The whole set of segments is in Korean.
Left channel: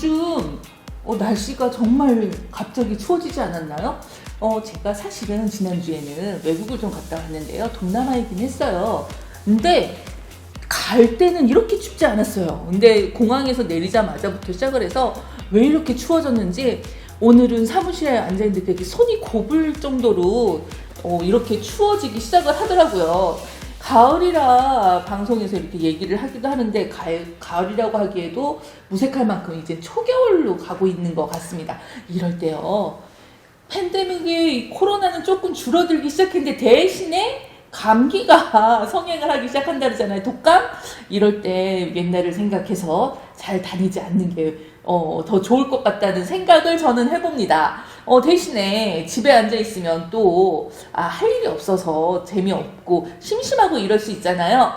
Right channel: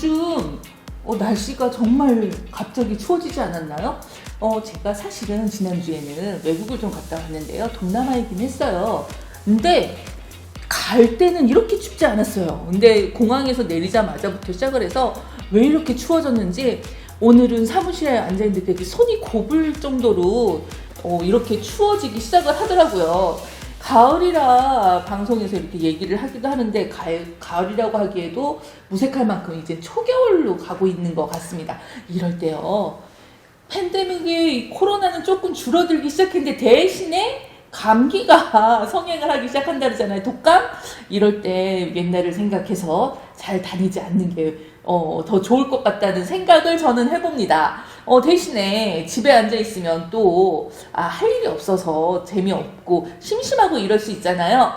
요즘 날씨가 정말 갑자기 추워지지 않았나요? 제가 사실은 지난주에는 외국을 좀 갔다 왔는데요. 동남아이긴 했어요. 근데 갈 때는 이렇게 춥지 않았어요. 근데 공항에서 내리자마자부터 시작을 해서 왜 이렇게 추워졌는지 오늘은 사무실에 앉아있는데 손이 고불 정도로 이렇게 추워지기 시작을 하더라고요. 가을이라 방송에서 이렇게 얘기를 하기도 하는데 가을이라고 하기에도 무색할 만큼 이제 초겨울로 가고 있는 것 같습니다. 이럴 때요. 팬데믹의 코로나는 조금 줄어들기 시작했는데 대신에 감기가 성행을 하기 시작한다 그러잖아요. 독감? 이럴 때 옛날을 생각해서 잘 다니지 않는 게 더 좋을 것 같다는 생각을 저는 해봅니다. 대신에 집에 앉아있으면 또 할 일이 없어서 재미없고 심심하고 이럴 수 있잖아요.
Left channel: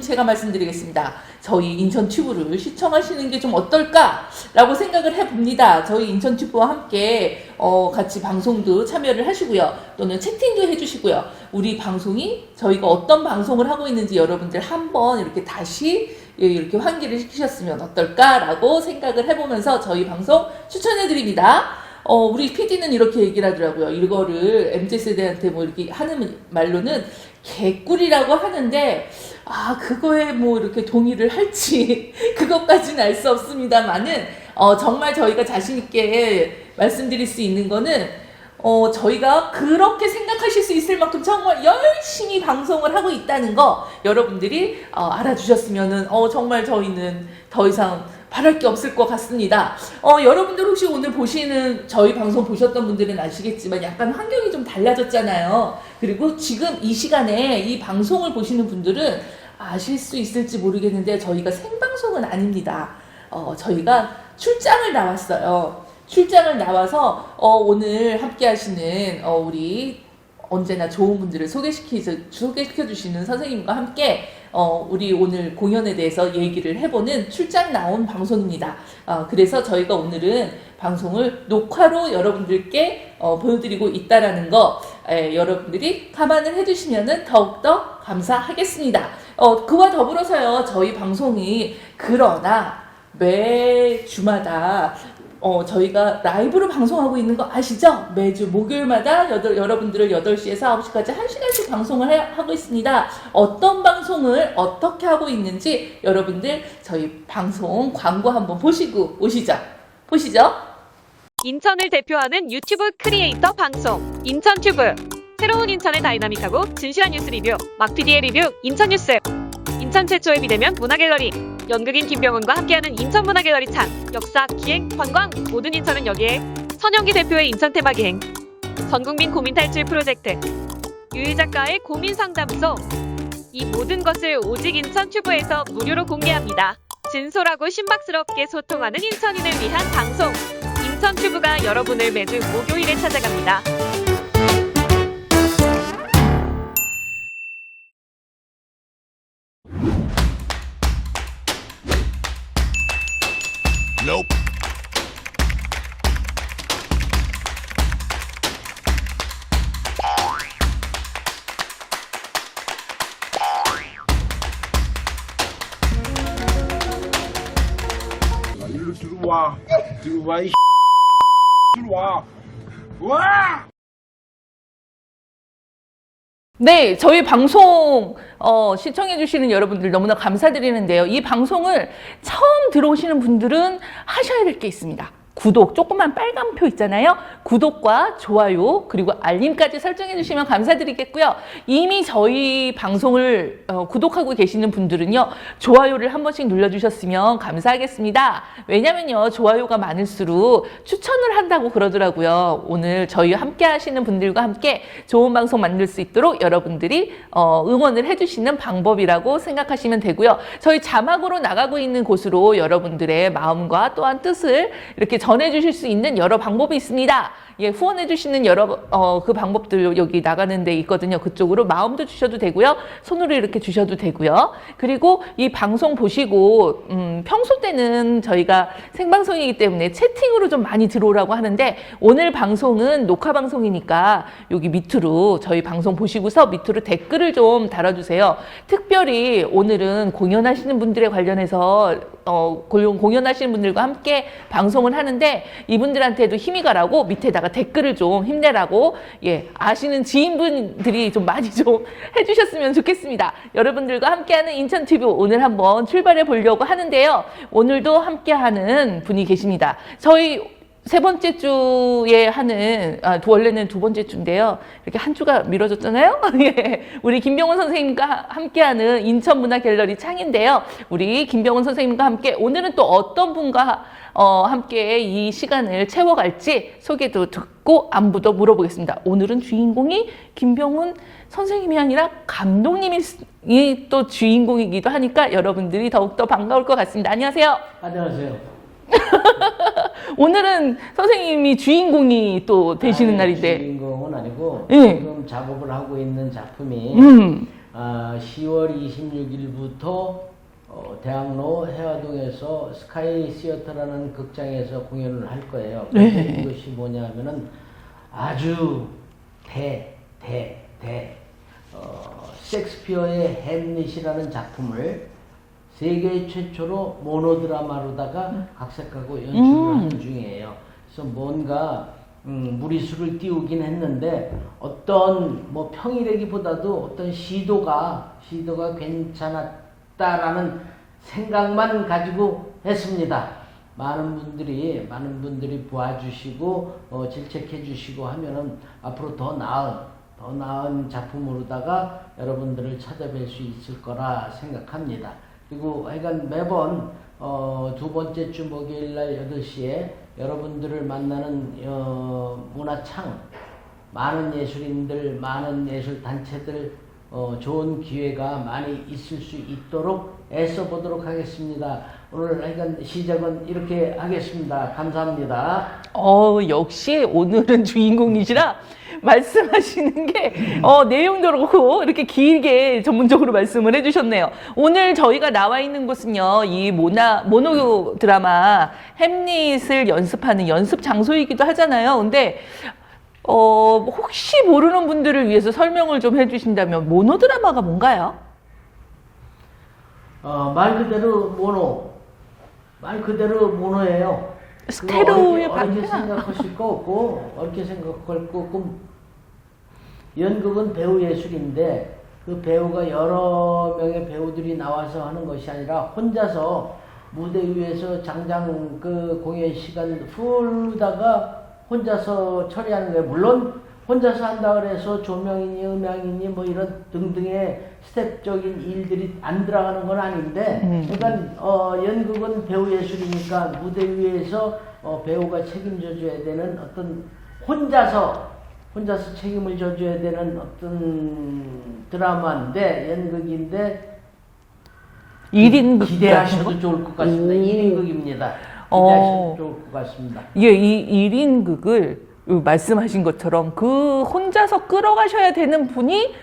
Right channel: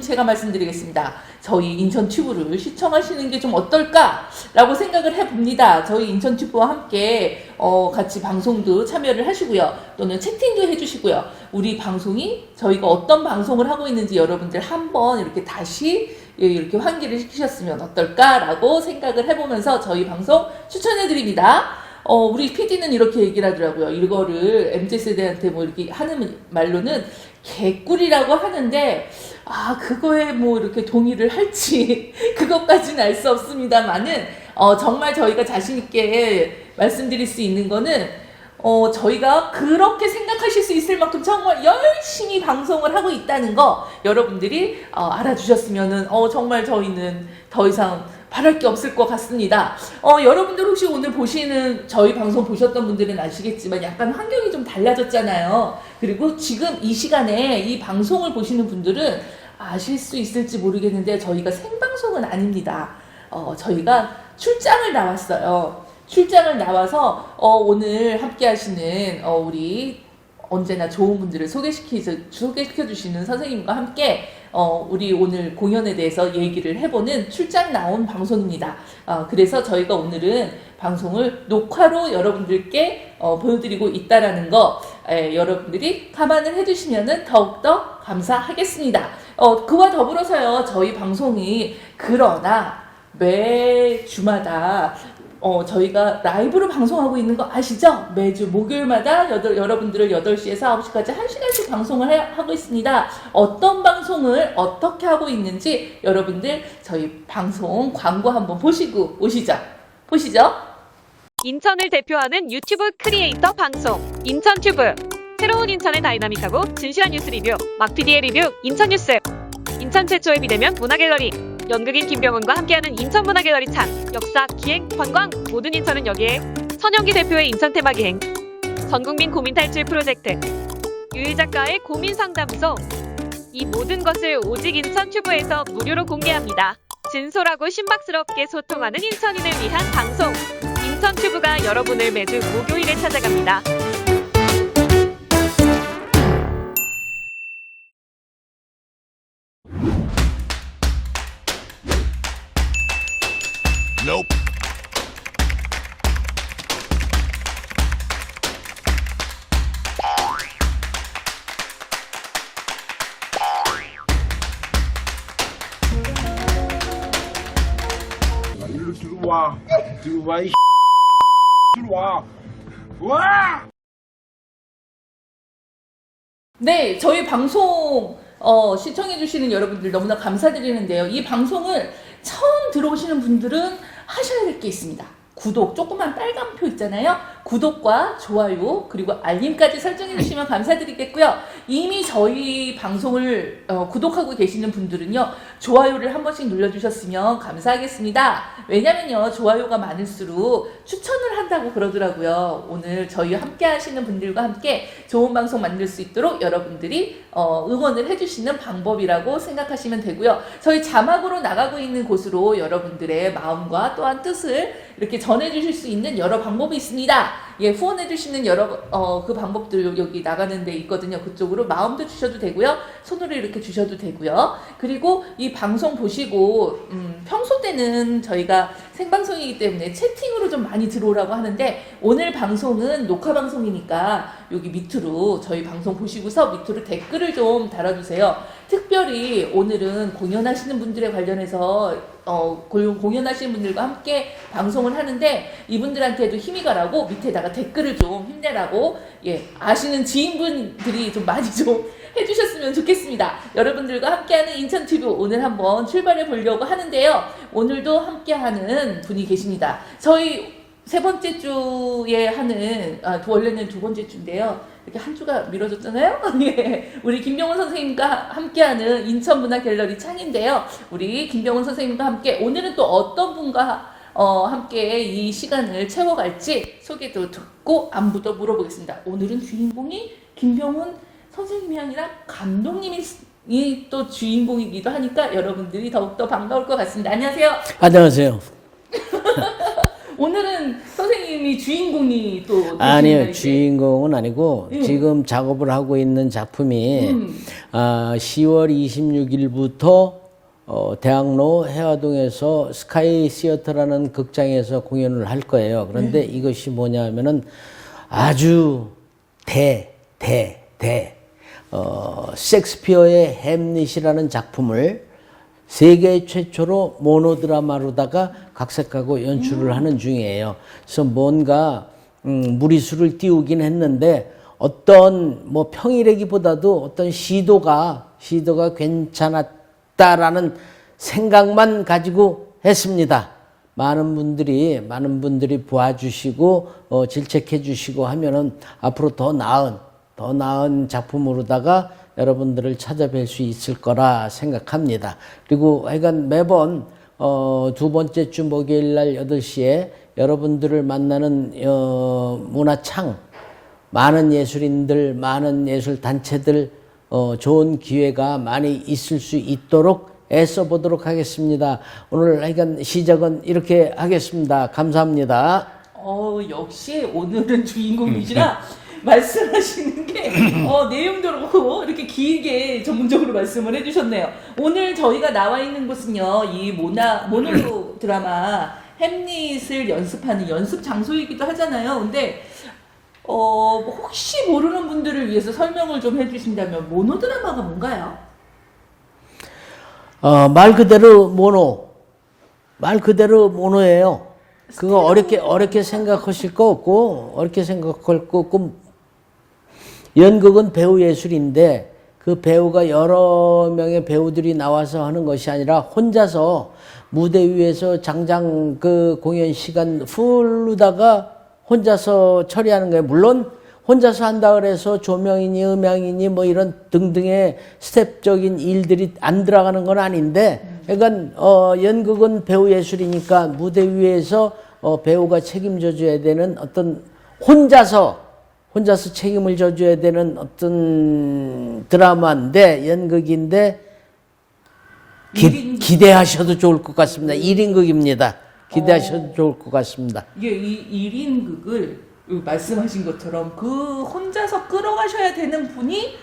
제가 말씀드리겠습니다. 저희 인천 튜브를 시청하시는 게 좀 어떨까? 라고 생각을 해봅니다. 저희 인천 튜브와 함께 같이 방송도 참여를 하시고요. 또는 채팅도 해주시고요. 우리 방송이 저희가 어떤 방송을 하고 있는지 여러분들 한번 이렇게 다시 이렇게 환기를 시키셨으면 어떨까라고 생각을 해보면서 저희 방송 추천해드립니다. 우리 PD는 이렇게 얘기를 하더라고요. 이거를 MZ세대한테 뭐 이렇게 하는 말로는 개꿀이라고 하는데, 그거에 뭐 이렇게 동의를 할지, 그것까지는 알 수 없습니다만은, 정말 저희가 자신있게 말씀드릴 수 있는 거는, 저희가 그렇게 생각하실 수 있을 만큼 정말 열심히 방송을 하고 있다는 거 여러분들이 알아주셨으면은 정말 저희는 더 이상 바랄 게 없을 것 같습니다. 여러분들 혹시 오늘 보시는 저희 방송 보셨던 분들은 아시겠지만 약간 환경이 좀 달라졌잖아요. 그리고 지금 이 시간에 이 방송을 보시는 분들은 아실 수 있을지 모르겠는데 저희가 생방송은 아닙니다. 저희가 출장을 나왔어요. 출장을 나와서 오늘 함께 하시는 우리 언제나 좋은 분들을 소개시켜 주시는 선생님과 함께 우리 오늘 공연에 대해서 얘기를 해보는 출장 나온 방송입니다. 그래서 저희가 오늘은 방송을 녹화로 여러분들께 보여드리고 있다라는 거 여러분들이 감안을 해주시면 더욱더 감사하겠습니다. 그와 더불어서요, 저희 방송이 그러나 매 주마다 저희가 라이브로 방송하고 있는 거 아시죠? 매주 목요일마다 여러분들을 8시에서 9시까지 1시간씩 방송을 하고 있습니다. 어떤 방송을 어떻게 하고 있는지 여러분들 저희 방송 광고 한번 보시고 오시죠. 보시죠. 인천을 대표하는 유튜브 크리에이터 방송 인천튜브. 새로운 인천의 다이나믹하고 진실한 뉴스 리뷰 막PD의 리뷰 인천뉴스. 인천 최초의 비대면 문화갤러리 연극인 김병훈과 함께하는 인천문화갤러리 창. 역사, 기행, 관광 모든 인천은 여기에. 선영기 대표의 인천 테마기행. 전국민 고민 탈출 프로젝트. 유일 작가의 고민 상담소. 이 모든 것을 오직 인천 튜브에서 무료로 공개합니다. 진솔하고 신박스럽게 소통하는 인천인을 위한 방송. 인천 튜브가 여러분을 매주 목요일에 찾아갑니다. Nope. 일로 들어와. 들어와 이 들어와. 와! 네, 저희 방송 시청해주시는 여러분들 너무나 감사드리는데요. 이 방송을 처음 들어오시는 분들은 하셔야 될 게 있습니다. 구독, 조그만 빨간 표 있잖아요. 구독과 좋아요 그리고 알림까지 설정해 주시면 감사드리겠고요. 이미 저희 방송을 구독하고 계시는 분들은요, 좋아요를 한 번씩 눌러주셨으면 감사하겠습니다. 왜냐면요, 좋아요가 많을수록 추천을 한다고 그러더라고요. 오늘 저희 함께 하시는 분들과 함께 좋은 방송 만들 수 있도록 여러분들이 응원을 해주시는 방법이라고 생각하시면 되고요. 저희 자막으로 나가고 있는 곳으로 여러분들의 마음과 또한 뜻을 이렇게 전해주실 수 있는 여러 방법이 있습니다. 예, 후원해주시는 여러 그 방법들 여기 나가는 데 있거든요. 그쪽으로 마음도 주셔도 되고요. 손으로 이렇게 주셔도 되고요. 그리고 이 방송 보시고 평소 때는 저희가 생방송이기 때문에 채팅으로 좀 많이 들어오라고 하는데 오늘 방송은 녹화 방송이니까 여기 밑으로 저희 방송 보시고서 밑으로 댓글을 좀 달아주세요. 특별히 오늘은 공연하시는 분들에 관련해서 공연하시는 분들과 함께 방송을 하는데 이분들한테도 힘이 가라고 밑에다가 댓글을 좀 힘내라고 예, 아시는 지인분들이 좀 많이 좀 해주셨으면 좋겠습니다. 여러분들과 함께하는 인천TV 오늘 한번 출발해 보려고 하는데요. 오늘도 함께하는 분이 계십니다. 저희 세 번째 주에 하는 원래는 두 번째 주인데요. 이렇게 한 주가 미뤄졌잖아요. 예, 우리 김병훈 선생님과 함께하는 인천문화갤러리 창인데요. 우리 김병훈 선생님과 함께 오늘은 또 어떤 분과 함께 이 시간을 채워갈지 소개도 듣고 안부도 물어보겠습니다. 오늘은 주인공이 김병훈 선생님이 아니라 감독님이 또 주인공이기도 하니까 여러분들이 더욱더 반가울 것 같습니다. 안녕하세요. 안녕하세요. 오늘은 선생님이 주인공이 또 되시는 아니요, 날인데. 주인공은 아니고 예. 지금 작업을 하고 있는 작품이 10월 26일부터 대학로 해화동에서 스카이 시어터라는 극장에서 공연을 할 거예요. 그런데 이것이 뭐냐면은 아주 셰익스피어의 햄릿이라는 작품을 세계 최초로 모노드라마로다가 각색하고 연출을 하는 중이에요. 그래서 뭔가 무리수를 띄우긴 했는데 어떤 뭐 평이라기보다도 어떤 시도가 괜찮았다라는 생각만 가지고 했습니다. 많은 분들이 봐주시고 질책해 주시고 하면은 앞으로 더 나은 작품으로다가 여러분들을 찾아뵐 수 있을 거라 생각합니다. 그리고 하여간 매번 두 번째 주 목요일 날 8시에 여러분들을 만나는 문화창, 많은 예술인들, 많은 예술단체들 좋은 기회가 많이 있을 수 있도록 애써 보도록 하겠습니다. 오늘 하여간 시작은 이렇게 하겠습니다. 감사합니다. 역시 오늘은 주인공이시라 말씀하시는 게 내용도 그렇고 이렇게 길게 전문적으로 말씀을 해주셨네요. 오늘 저희가 나와 있는 곳은요, 이 모노 드라마 햄릿을 연습하는 연습 장소이기도 하잖아요. 근데 혹시 모르는 분들을 위해서 설명을 좀 해주신다면 모노 드라마가 뭔가요? 말 그대로 모노예요. 그거 어렵게 생각하실 거 없고, 연극은 배우 예술인데, 그 배우가 여러 명의 배우들이 나와서 하는 것이 아니라, 혼자서 무대 위에서 장장 그 공연 시간 풀르다가 혼자서 처리하는 거예요. 물론, 혼자서 한다 그래서 조명이니 음향이니 뭐 이런 등등의 스텝적인 일들이 안 들어가는 건 아닌데, 그러니까 연극은 배우 예술이니까 무대 위에서 배우가 책임져 줘야 되는 어떤 혼자서 책임을 져줘야 되는 어떤 드라마인데, 연극인데 1인극 기대하셔도 좋을 것 같습니다. 1인극입니다. 기대하셔도 좋을 것 같습니다. 예, 이 1인극을 말씀하신 것처럼 그 혼자서 끌어가셔야 되는 분이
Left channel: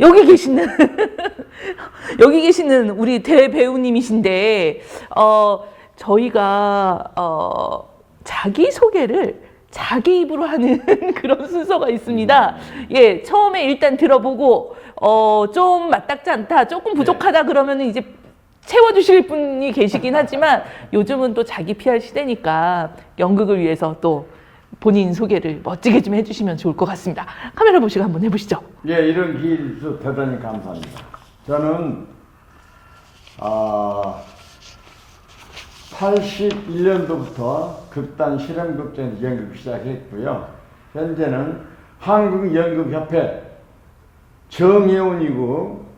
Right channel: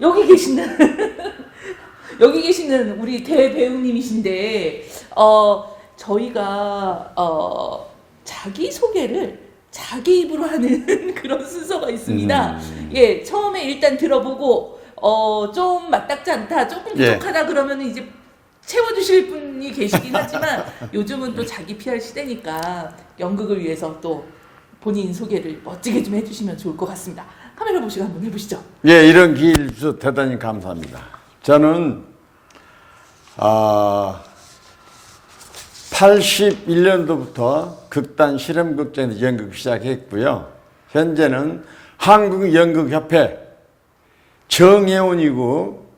여기 계시는 우리 대배우님이신데, 저희가 자기 소개를 자기 입으로 하는 그런 순서가 있습니다. 예, 처음에 일단 들어보고 좀 맞닥지 않다, 조금 부족하다 그러면 이제 채워주실 분이 계시긴 하지만 요즘은 또 자기 PR 시대니까 연극을 위해서 또 본인 소개를 멋지게 좀 해주시면 좋을 것 같습니다. 카메라 보시고 한번 해보시죠. 예, 이런 기회를 주셔서 대단히 감사합니다. 저는 81년도부터 극단 실험극장에서 연극 시작했고요. 현재는 한국연극협회 정회원이고,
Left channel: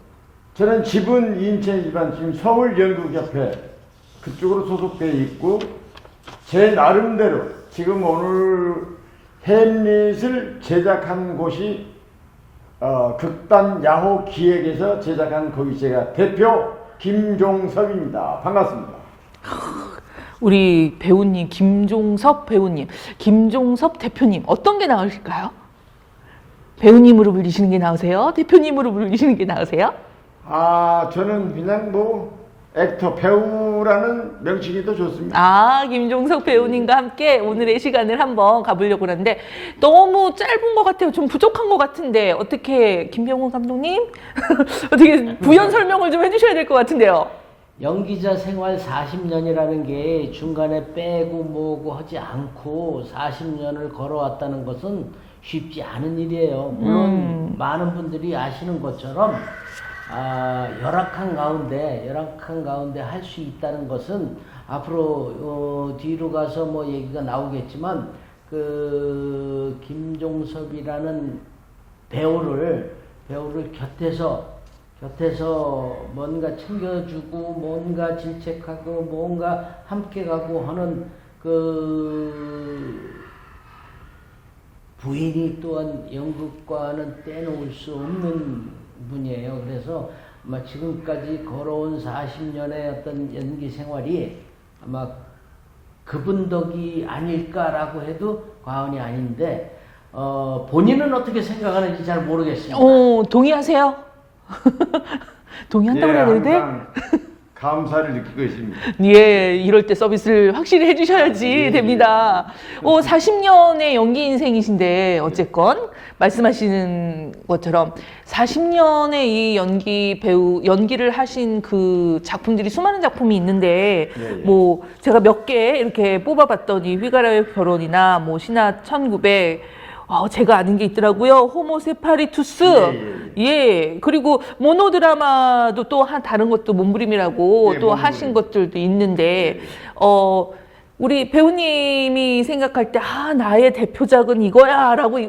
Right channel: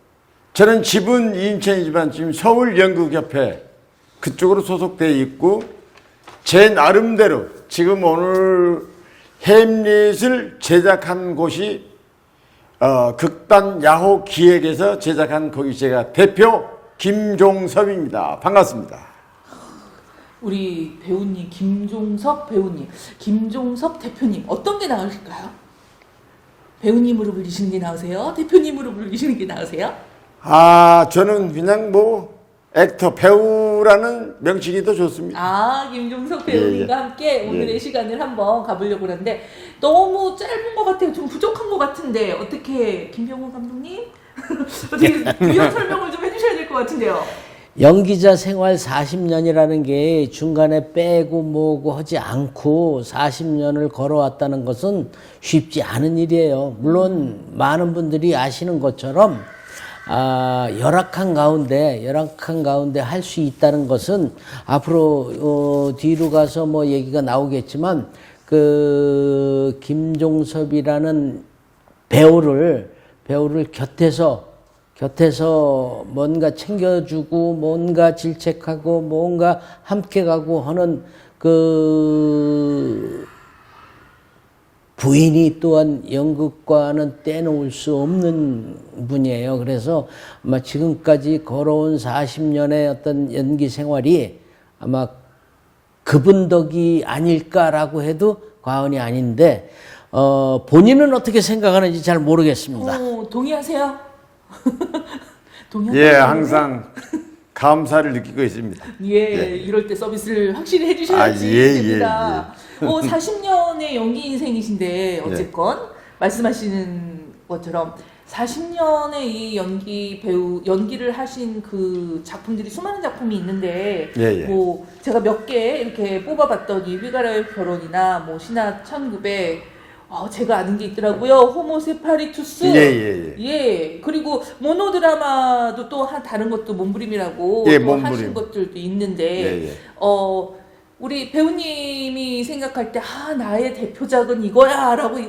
저는 집은 인천이지만 지금 서울연극협회 그쪽으로 소속되어 있고, 제 나름대로 지금 오늘 햄릿을 제작한 곳이 극단 야호 기획에서 제작한 거기 제가 대표 김종섭입니다. 반갑습니다. 우리 배우님, 김종섭 배우님, 김종섭 대표님 어떤 게 나으실까요? 배우님으로 불리시는 게 나으세요? 대표님으로 불리시는 게 나으세요? 아, 저는 그냥 뭐 액터 배우라는 명칭이 더 좋습니다. 아, 김종석 배우님과 예. 함께 오늘의 시간을 한번 가보려고 하는데 너무 짧은 것 같아요. 좀 부족한 것 같은데 어떻게 김병훈 감독님 어떻게 부연 설명을 좀 해주셔야 될 것 같은데요. 연기자 생활 40년이라는 게 중간에 빼고 뭐고 하지 않고 40년을 걸어왔다는 것은 쉽지 않은 일이에요. 물론 많은 분들이 아시는 것처럼 열악한 가운데 할 수 있다는 것은 앞으로 뒤로 가서 뭐 얘기가 나오겠지만 그 김종섭이라는 배우를 곁에서 뭔가 챙겨주고 뭔가 질책하고 뭔가 함께 가고 하는 그 부인이 또한 연극과는 떼놓을 수 없는 분이에요. 그래서 아마 지금까지 걸어온 40년의 어떤 연기 생활이 아마 그분 덕이 아닐까라고 해도 과언이 아닌데 본인은 어떻게 생각하는지 잘 모르겠습니다. 동의하세요? 동의한다고 예, 하는데? 항상 감사를 느끼고 있습니다. 예, 이럴 때 서비스를 확실히 해주셔야지 예, 됩니다. 40년의 연기 인생이신데 어쨌건 말씀하시는 것처럼 40년의 이 연기를 하신 그 작품들이 수많은 작품이 있는데 예. 뭐 제가 몇 개 이렇게 뽑아봤더니 휘가라의 결혼이나 뭐 신화 1900 제가 아는 게 있더라고요. 호모세파리투스. 예. 그리고 모노드라마도 또 다른 것도 몸부림이라고 예, 또 몸부림. 하신 것들도 있는데, 예. 우리 배우님이 생각할 때, 나의 대표작은 이거야. 라고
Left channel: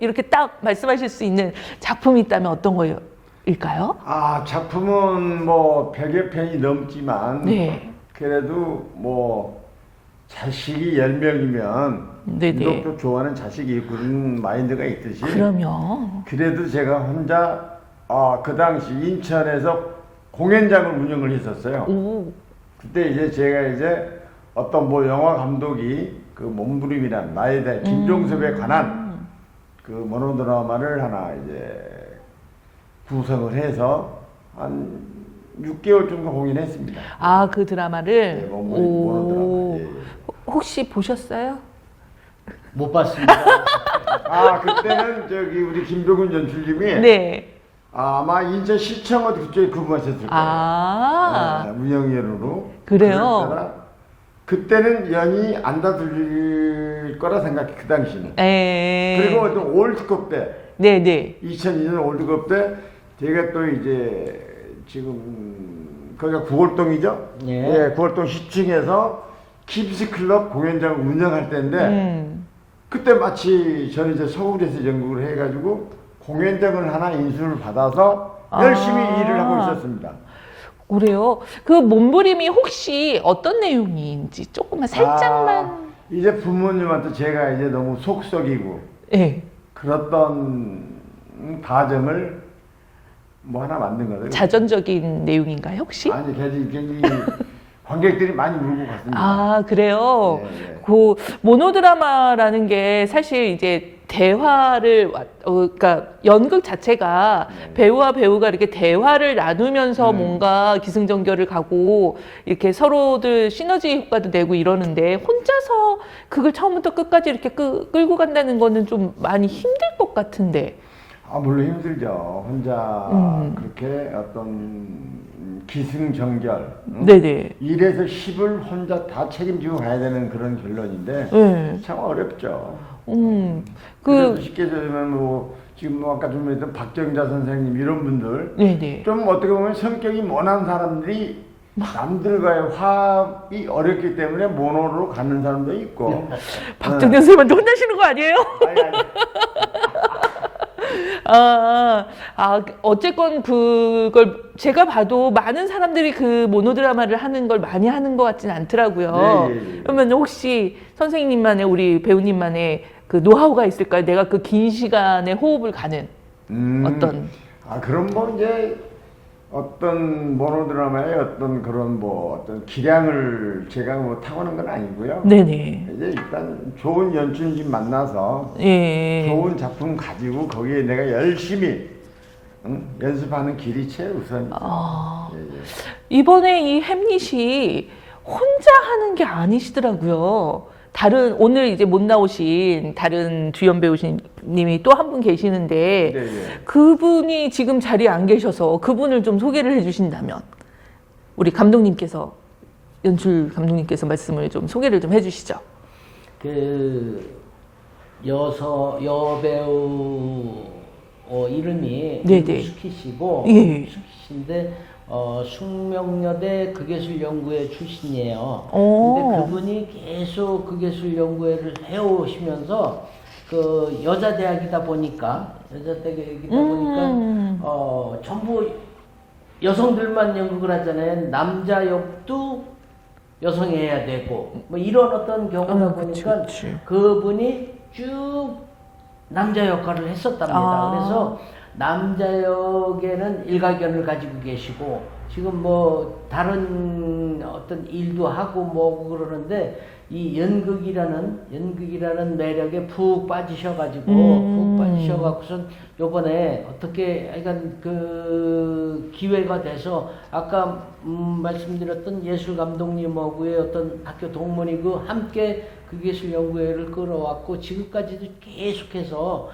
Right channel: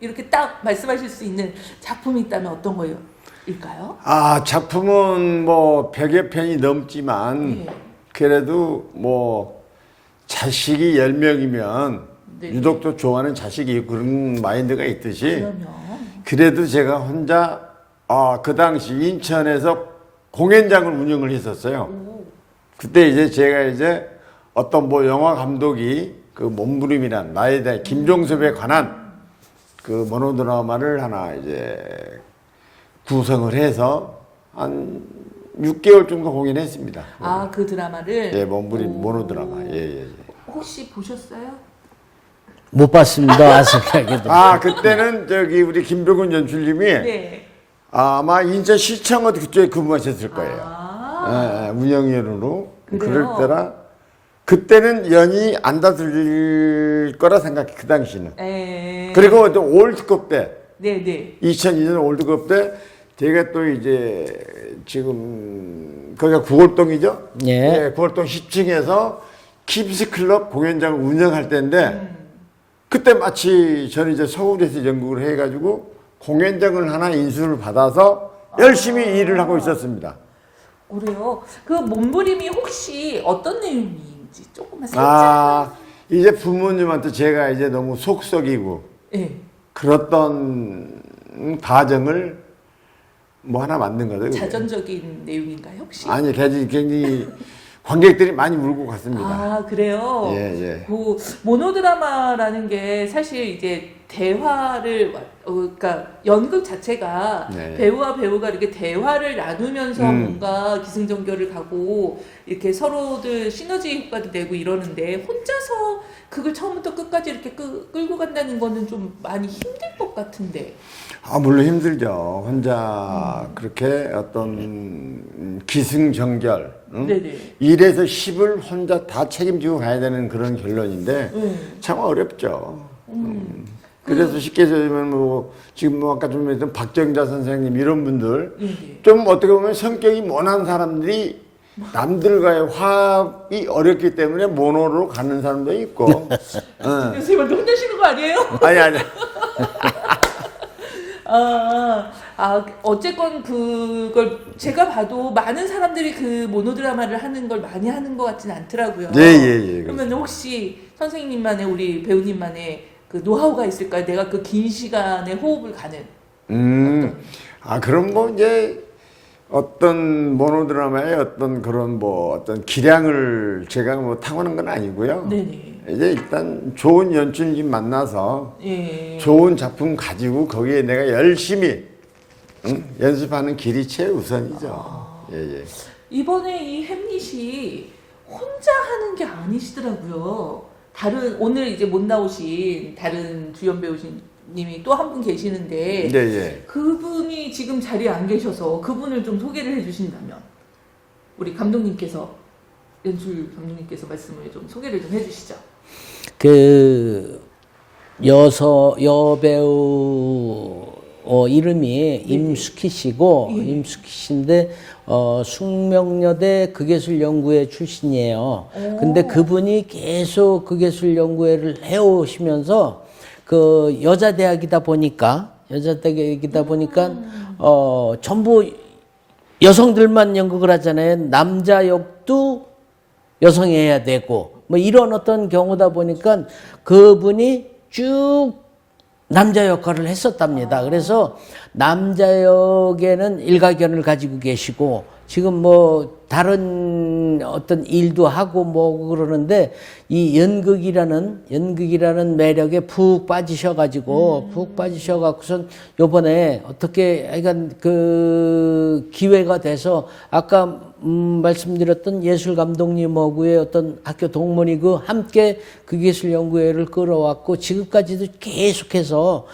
이렇게 딱 말씀하실 수 있는 작품이 있다면 어떤 거일까요? 아, 작품은 뭐 100여 편이 넘지만 네. 그래도 뭐 자식이 10명이면 네네. 유독 또 좋아하는 자식이 그런 마인드가 있듯이 그러면. 그래도 제가 혼자 그 당시 인천에서 공연장을 운영을 했었어요. 그때 이제 제가 이제 어떤 뭐 영화 감독이 그 몸부림이란 나에 대해 김종섭에 관한 그 모노드라마를 하나 이제 구성을 해서 한 6개월 정도 공연했습니다. 그 드라마를? 네, 몸부림 모노드라마. 예. 혹시 보셨어요? 못 봤습니다. 생각해도. 그때는 저기 우리 김병훈 연출님이 네. 아마 인천시청은 그쪽에 근무하셨을 거예요. 운영위원으로. 그래요? 그럴 때라 그때는 연이 안 닫을 거라 생각해, 그 당시는. 그리고 또 월드컵 때, 네네. 2002년 월드컵 때 제가 또 이제 지금 거기가 구월동이죠? 예. 네, 구월동 10층에서 킵스클럽 공연장을 운영할 때인데 그때 마치 저는 이제 서울에서 연극을 해가지고 공연장을 하나 인수를 받아서 열심히 일을 하고 있었습니다. 그래요? 그 몸부림이 혹시 어떤 내용인지 조금만 살짝만. 이제 부모님한테 제가 이제 너무 속썩이고 네. 그랬던 가정을 뭐 하나 만든 거죠. 자전적인 내용인가요, 혹시? 아니, 굉장히 관객들이 많이 울고 갔습니다. 그래요? 예. 그 모노드라마라는 게 사실 이제 대화를, 그러니까 연극 자체가 네. 배우와 배우가 이렇게 대화를 나누면서 뭔가 기승전결을 가고 이렇게 서로들 시너지 효과도 내고 이러는데 혼자서 그걸 처음부터 끝까지 이렇게 끌고 간다는 거는 좀 많이 힘들 것 같은데. 물론 힘들죠. 혼자 그렇게 어떤 기승전결. 네네. 1에서 10을 혼자 다 책임지고 가야 되는 그런 결론인데 참 어렵죠. 그래서 쉽게 얘기하면 뭐 지금 뭐 아까 좀 했던 박정자 선생님 이런 분들 네네. 좀 어떻게 보면 성격이 모난 사람들이 남들과의 화합이 어렵기 때문에 모노로 가는 사람도 있고. 박정현 선생님한테 혼나시는 거 아니에요? 아니. 어쨌건 그걸 제가 봐도 많은 사람들이 그 모노드라마를 하는 걸 많이 하는 것 같지는 않더라고요. 예. 그러면 혹시 선생님만의, 우리 배우님만의 그 노하우가 있을까요? 내가 그 긴 시간에 호흡을 가는 어떤. 그럼 뭐 이제 어떤 모노드라마의 어떤 그런 뭐 어떤 기량을 제가 뭐 타고난 건 아니고요. 네네. 이제 일단 좋은 연출님 만나서 예. 좋은 작품 가지고 거기에 내가 열심히 연습하는 길이 최우선이죠. 예, 예. 이번에 이 햄릿이 혼자 하는 게 아니시더라고요. 다른 오늘 이제 못 나오신 다른 주연 배우님이 또 한 분 계시는데 네, 예. 그분이 지금 자리에 안 계셔서 그분을 좀 소개를 해주신다면 우리 감독님께서 연출 감독님께서 말씀을 좀 소개를 좀 해주시죠. 그 여배우 이름이 네네. 임숙희 씨고 예. 임숙희 씨인데 숙명여대 극예술연구회 출신이에요. 근데 그분이 계속 극예술연구회를 해오시면서 그 여자대학이다 보니까 전부 여성들만 연극을 하잖아요. 남자 역도 여성이 해야 되고 뭐 이런 어떤 경우다 보니까 그분이 쭉 남자 역할을 했었답니다. 그래서 남자 역에는 일가견을 가지고 계시고 지금 뭐 다른 어떤 일도 하고 뭐 그러는데 이 연극이라는 매력에 푹 빠지셔가지고선 요번에 어떻게 약간 그 기회가 돼서 아까 말씀드렸던 예술 감독님하고의 어떤 학교 동문이고 함께 극예술연구회를 끌어왔고 지금까지도 계속해서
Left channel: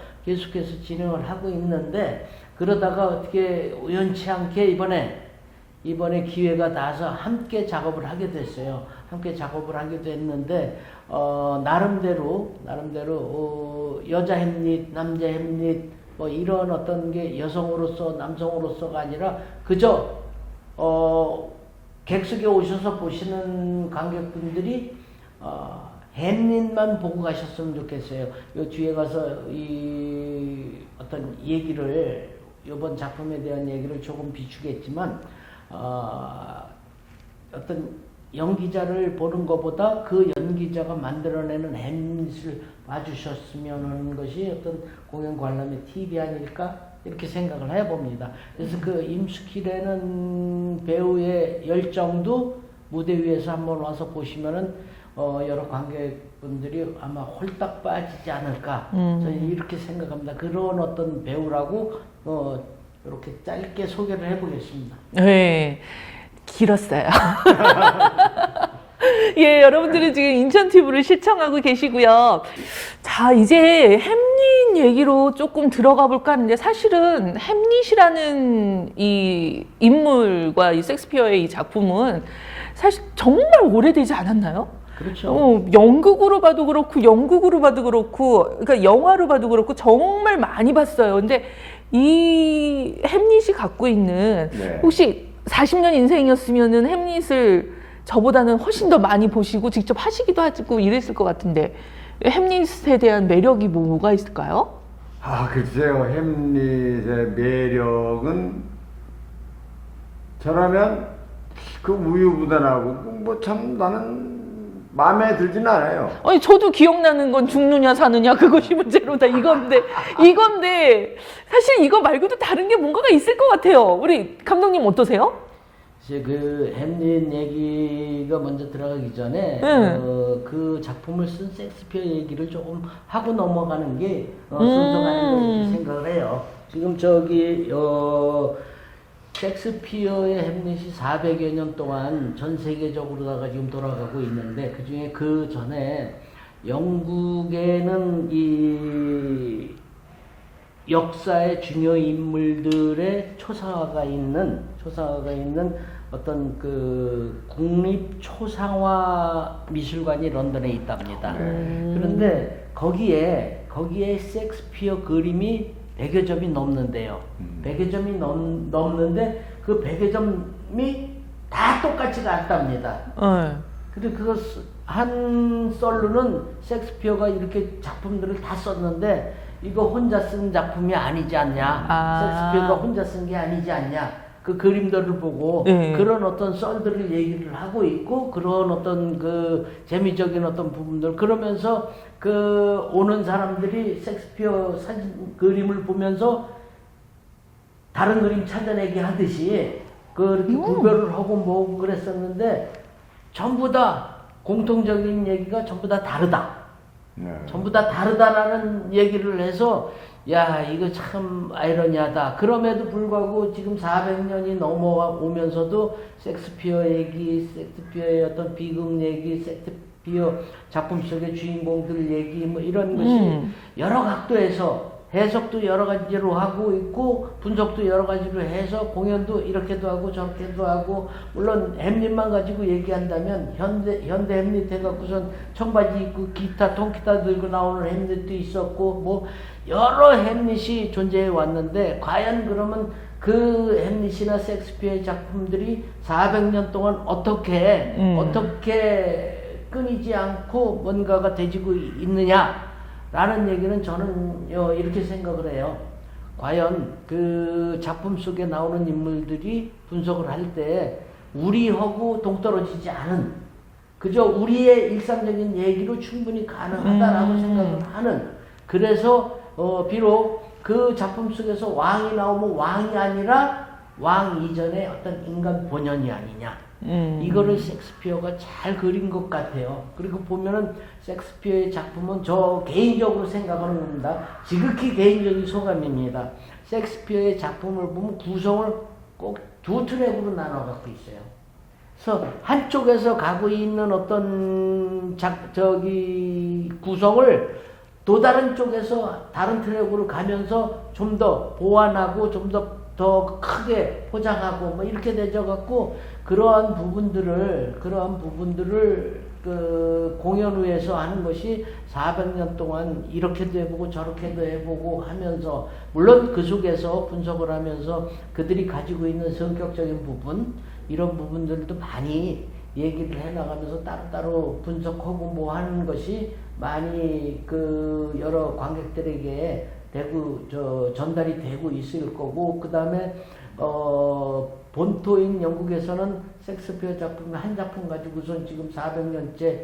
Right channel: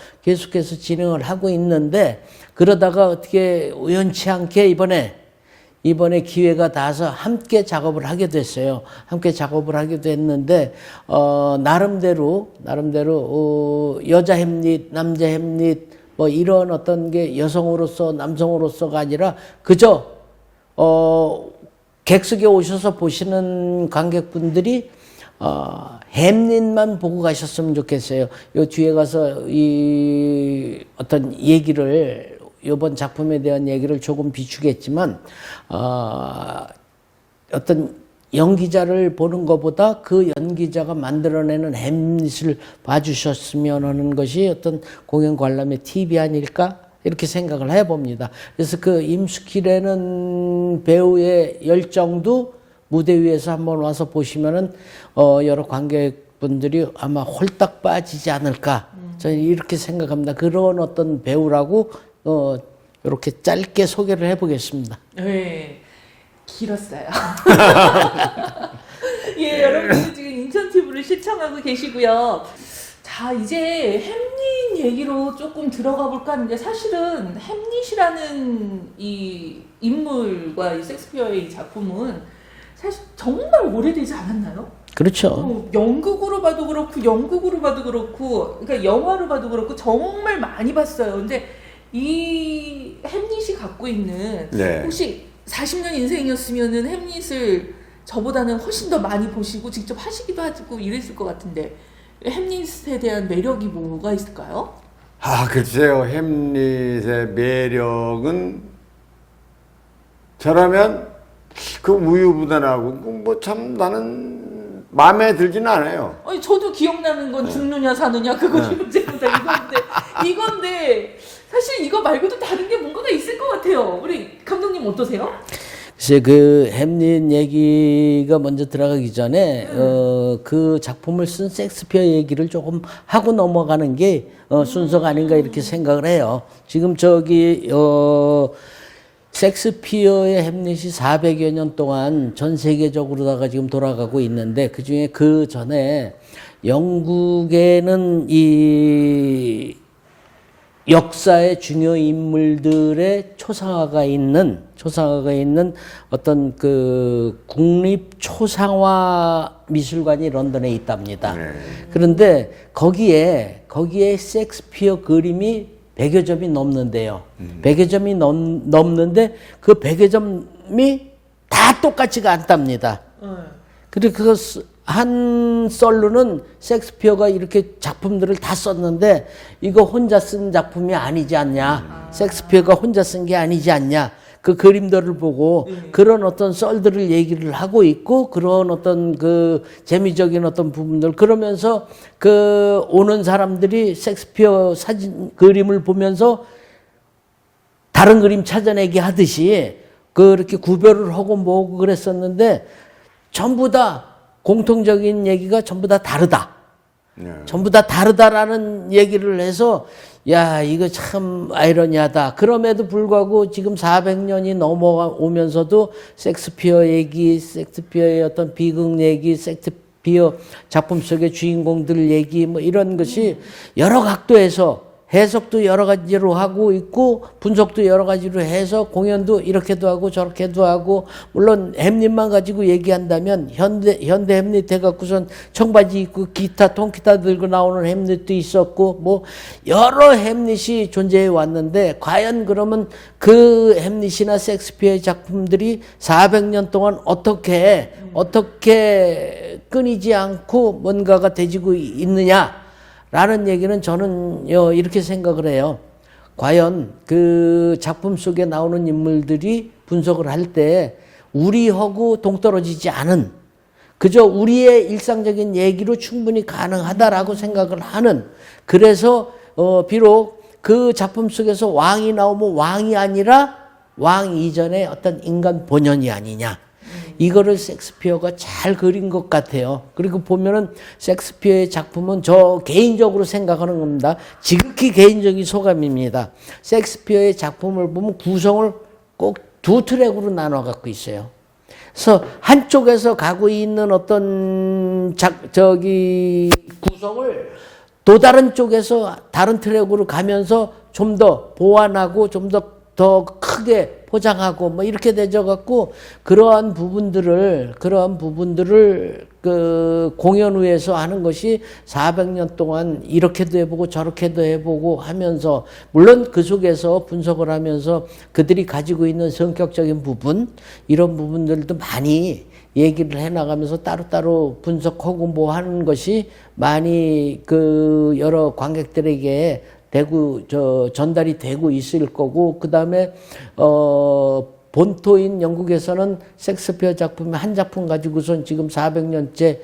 진행을 하고 있는데 그러다가 어떻게 우연치 않게 이번에 기회가 닿아서 함께 작업을 하게 됐어요. 함께 작업을 하게 됐는데 나름대로 여자 햄릿, 남자 햄릿 뭐 이런 어떤 게 여성으로서 남성으로서가 아니라 그저 객석에 오셔서 보시는 관객분들이 햄릿만 보고 가셨으면 좋겠어요. 요 뒤에 가서 이 어떤 얘기를 이번 작품에 대한 얘기를 조금 비추겠지만 어떤 연기자를 보는 것보다 그 연기자가 만들어내는 햄릿을 봐주셨으면 하는 것이 어떤 공연 관람의 팁이 아닐까 이렇게 생각을 해봅니다. 그래서 그 임숙희라는 배우의 열정도 무대 위에서 한번 와서 보시면은 여러 관객분들이 아마 홀딱 빠지지 않을까 저는 이렇게 생각합니다. 그런 어떤 배우라고 이렇게 짧게 소개를 해보겠습니다. 네, 길었어요. 예, 여러분들은 지금 인천 TV를 시청하고 계시고요. 자, 이제 햄릿 얘기로 조금 들어가 볼까 하는데 사실은 햄릿이라는 이 인물과 이 셰익스피어의 이 작품은 사실 정말 오래되지 않았나요? 그렇죠. 연극으로 봐도 그렇고 영국으로 봐도 그렇고 그러니까 영화로 봐도 그렇고 정말 많이 봤어요. 근데 이 햄릿이 갖고 있는 네. 혹시 40년 인생이었으면은 햄릿을 저보다는 훨씬 더 많이 보시고 직접 하시기도 하고 이랬을 것 같은데 햄릿에 대한 매력이 뭐가 있을까요? 글쎄요. 햄릿의 매력은 저라면 그 우유부단하고 뭐 참 나는 마음에 들지는 않아요. 아니 저도 기억나는 건 죽느냐 사느냐 그것이 문제로다 이건데 사실 이거 말고도 다른 게 뭔가가 있을 것 같아요. 우리 감독님 어떠세요? 글쎄 그 햄릿 얘기가 먼저 들어가기 전에 그 작품을 쓴 셰익스피어 얘기를 조금 하고 넘어가는 게 순서가 아닌가 이렇게 생각을 해요. 지금 셰익스피어의 햄릿이 400여 년 동안 전 세계적으로다가 지금 돌아가고 있는데 그 중에 그 전에 영국에는 이 역사의 중요 인물들의 초상화가 있는 어떤 그 국립 초상화 미술관이 런던에 있답니다. 그런데 거기에 셰익스피어 그림이 100여 점이 넘는데요. 100여 점이 넘는데 그 100여 점이 다 똑같지가 않답니다. 그리고 그 한 썰로는 셰익스피어가 이렇게 작품들을 다 썼는데 이거 혼자 쓴 작품이 아니지 않냐. 셰익스피어가 혼자 쓴 게 아니지 않냐. 그 그림들을 보고 그런 어떤 썰들을 얘기를 하고 있고 그런 어떤 그 재미적인 어떤 부분들 그러면서 그 오는 사람들이 셰익스피어 사진 그림을 보면서 다른 그림 찾아내기 하듯이 그렇게 구별을 하고 뭐고 그랬었는데 전부 다 공통적인 얘기가 전부 다 다르다. 전부 다 다르다라는 얘기를 해서 야 이거 참 아이러니하다. 그럼에도 불구하고 지금 400년이 넘어오면서도 섹스피어 얘기, 섹스피어의 어떤 비극 얘기, 섹스피어 작품 속의 주인공들 얘기 뭐 이런 것이 여러 각도에서 해석도 여러 가지로 하고 있고 분석도 여러 가지로 해서 공연도 이렇게도 하고 저렇게도 하고 물론 햄릿만 가지고 얘기한다면 현대 햄릿 해갖고선 청바지 입고 기타 통기타 들고 나오는 햄릿도 있었고 뭐 여러 햄릿이 존재해 왔는데 과연 그러면 그 햄릿이나 섹스피어의 작품들이 400년 동안 어떻게 끊이지 않고 뭔가가 되지고 있느냐 라는 얘기는 저는 이렇게 생각을 해요. 과연 그 작품 속에 나오는 인물들이 분석을 할 때 우리하고 동떨어지지 않은 그저 우리의 일상적인 얘기로 충분히 가능하다라고 생각을 하는 그래서 비록 그 작품 속에서 왕이 나오면 왕이 아니라 왕 이전의 어떤 인간 본연이 아니냐. 이거를 섹스피어가 잘 그린 것 같아요. 그리고 보면은 섹스피어의 작품은 저 개인적으로 생각하는 겁니다. 지극히 개인적인 소감입니다. 섹스피어의 작품을 보면 구성을 꼭 두 트랙으로 나눠 갖고 있어요. 그래서 한쪽에서 가고 있는 어떤 구성을 또 다른 쪽에서 다른 트랙으로 가면서 좀 더 보완하고 좀 더 크게 포장하고 뭐 이렇게 되져 갖고 그러한 부분들을 그 공연 후에서 하는 것이 400년 동안 이렇게도 해보고 저렇게도 해보고 하면서 물론 그 속에서 분석을 하면서 그들이 가지고 있는 성격적인 부분 이런 부분들도 많이 얘기를 해나가면서 따로따로 분석하고 뭐 하는 것이 많이 그 여러 관객들에게 전달이 되고 있을 거고, 그 다음에, 본토인 영국에서는 섹스피어 작품 한 작품 가지고선 지금 400년째,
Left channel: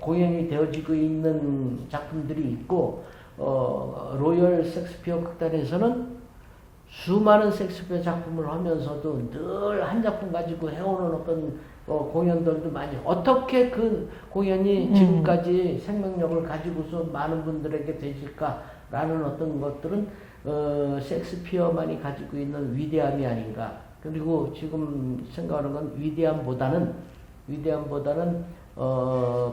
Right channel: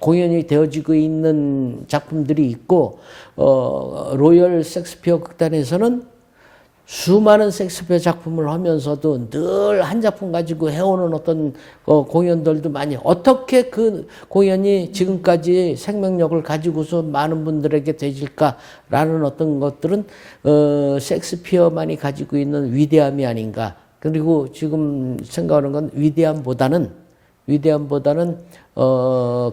공연이 되어지고 있는 작품들이 있고, 로열 섹스피어 극단에서는 수많은 섹스피어 작품을 하면서도 늘 한 작품 가지고 해오는 어떤 공연들도 많이 어떻게 그 공연이 지금까지 생명력을 가지고서 많은 분들에게 되질까라는 어떤 것들은 섹스피어만이 가지고 있는 위대함이 아닌가. 그리고 지금 생각하는 건 위대함보다는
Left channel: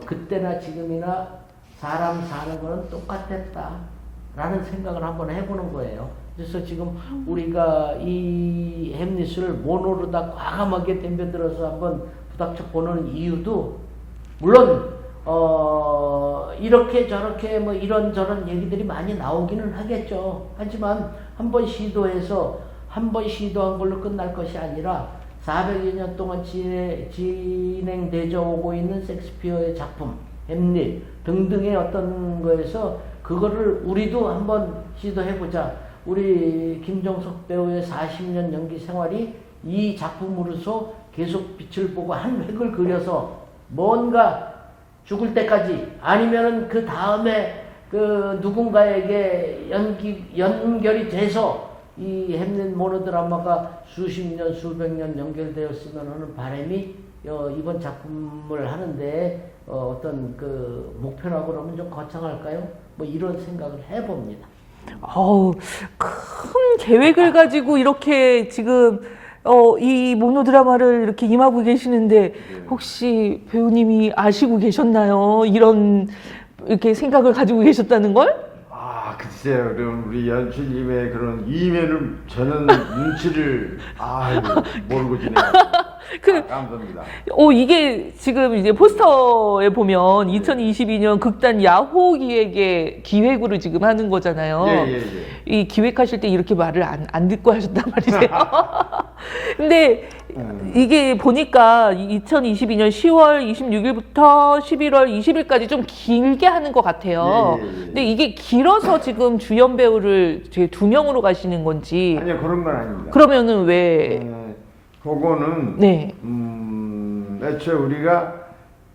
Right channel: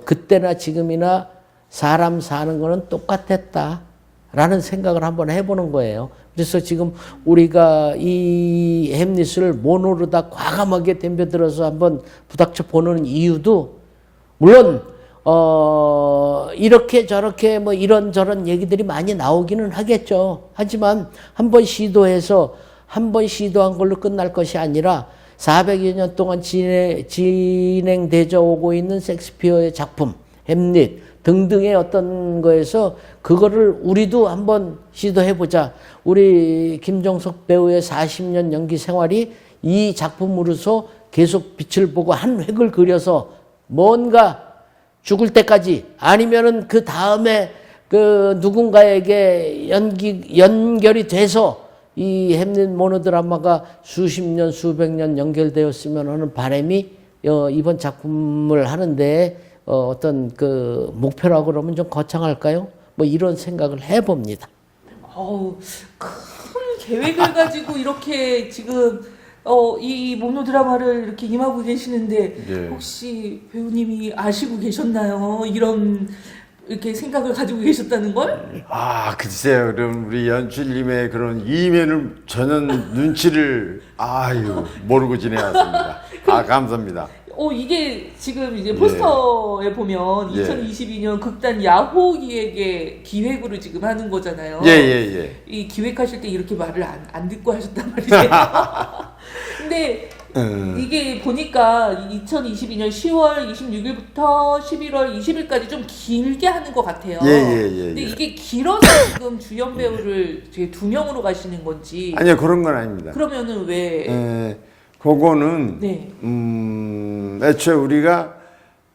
그때나 지금이나 사람 사는 거는 똑같았다라는 생각을 한번 해보는 거예요. 그래서 지금 우리가 이 햄릿을 모노로 다 과감하게 덤벼들어서 한번 부닥쳐 보는 이유도 물론 이렇게 저렇게 뭐 이런저런 얘기들이 많이 나오기는 하겠죠. 하지만 한번 시도한 걸로 끝날 것이 아니라 400여 년 동안 진행되어 오고 있는 섹스피어의 작품, 햄릿 등등의 어떤 거에서 그거를 우리도 한번 시도해보자. 우리 김종석 배우의 40년 연기 생활이 이 작품으로서 계속 빛을 보고 한 획을 그려서 뭔가 죽을 때까지 아니면은 그 다음에 그 누군가에게 연결이 돼서 이 햄릿 모노드라마가 수십 년, 수백 년 연결되었으면 하는 바람이 이번 작품을 하는데 어떤 그 목표라고 그러면 좀 거창할까요? 뭐 이런 생각을 해봅니다. 큰 계획을 가지고 이렇게 지금 이 모노 드라마를 이렇게 임하고 계시는데 네. 혹시 배우님이 아시고 계셨나요? 이렇게 생각을 가지고 계셨다는 걸? 글쎄요. 그럼 우리 연출님의 그런 이면을 전혀 눈치를 모르고 지내왔습니다. 감사합니다. 이게 지금 이제 포스터에 보면 2022년 극단 야호 기획의 기획으로 지금 하는 거잖아요. 예. 이 기획하실 때 이렇게 말을 안 듣고 하셨단 말이에요. 근데 이게 보니까 2022년 10월 26일부터 11월 20일까지 좀 길게 하는 것 같아요. 근데 이게 길어서 지금 주연 배우를 2명으로 가시는 건지. 아니요, 그런 건 아닙니다. 그러면은 왜? 그거는, 네. 애초에 우리가,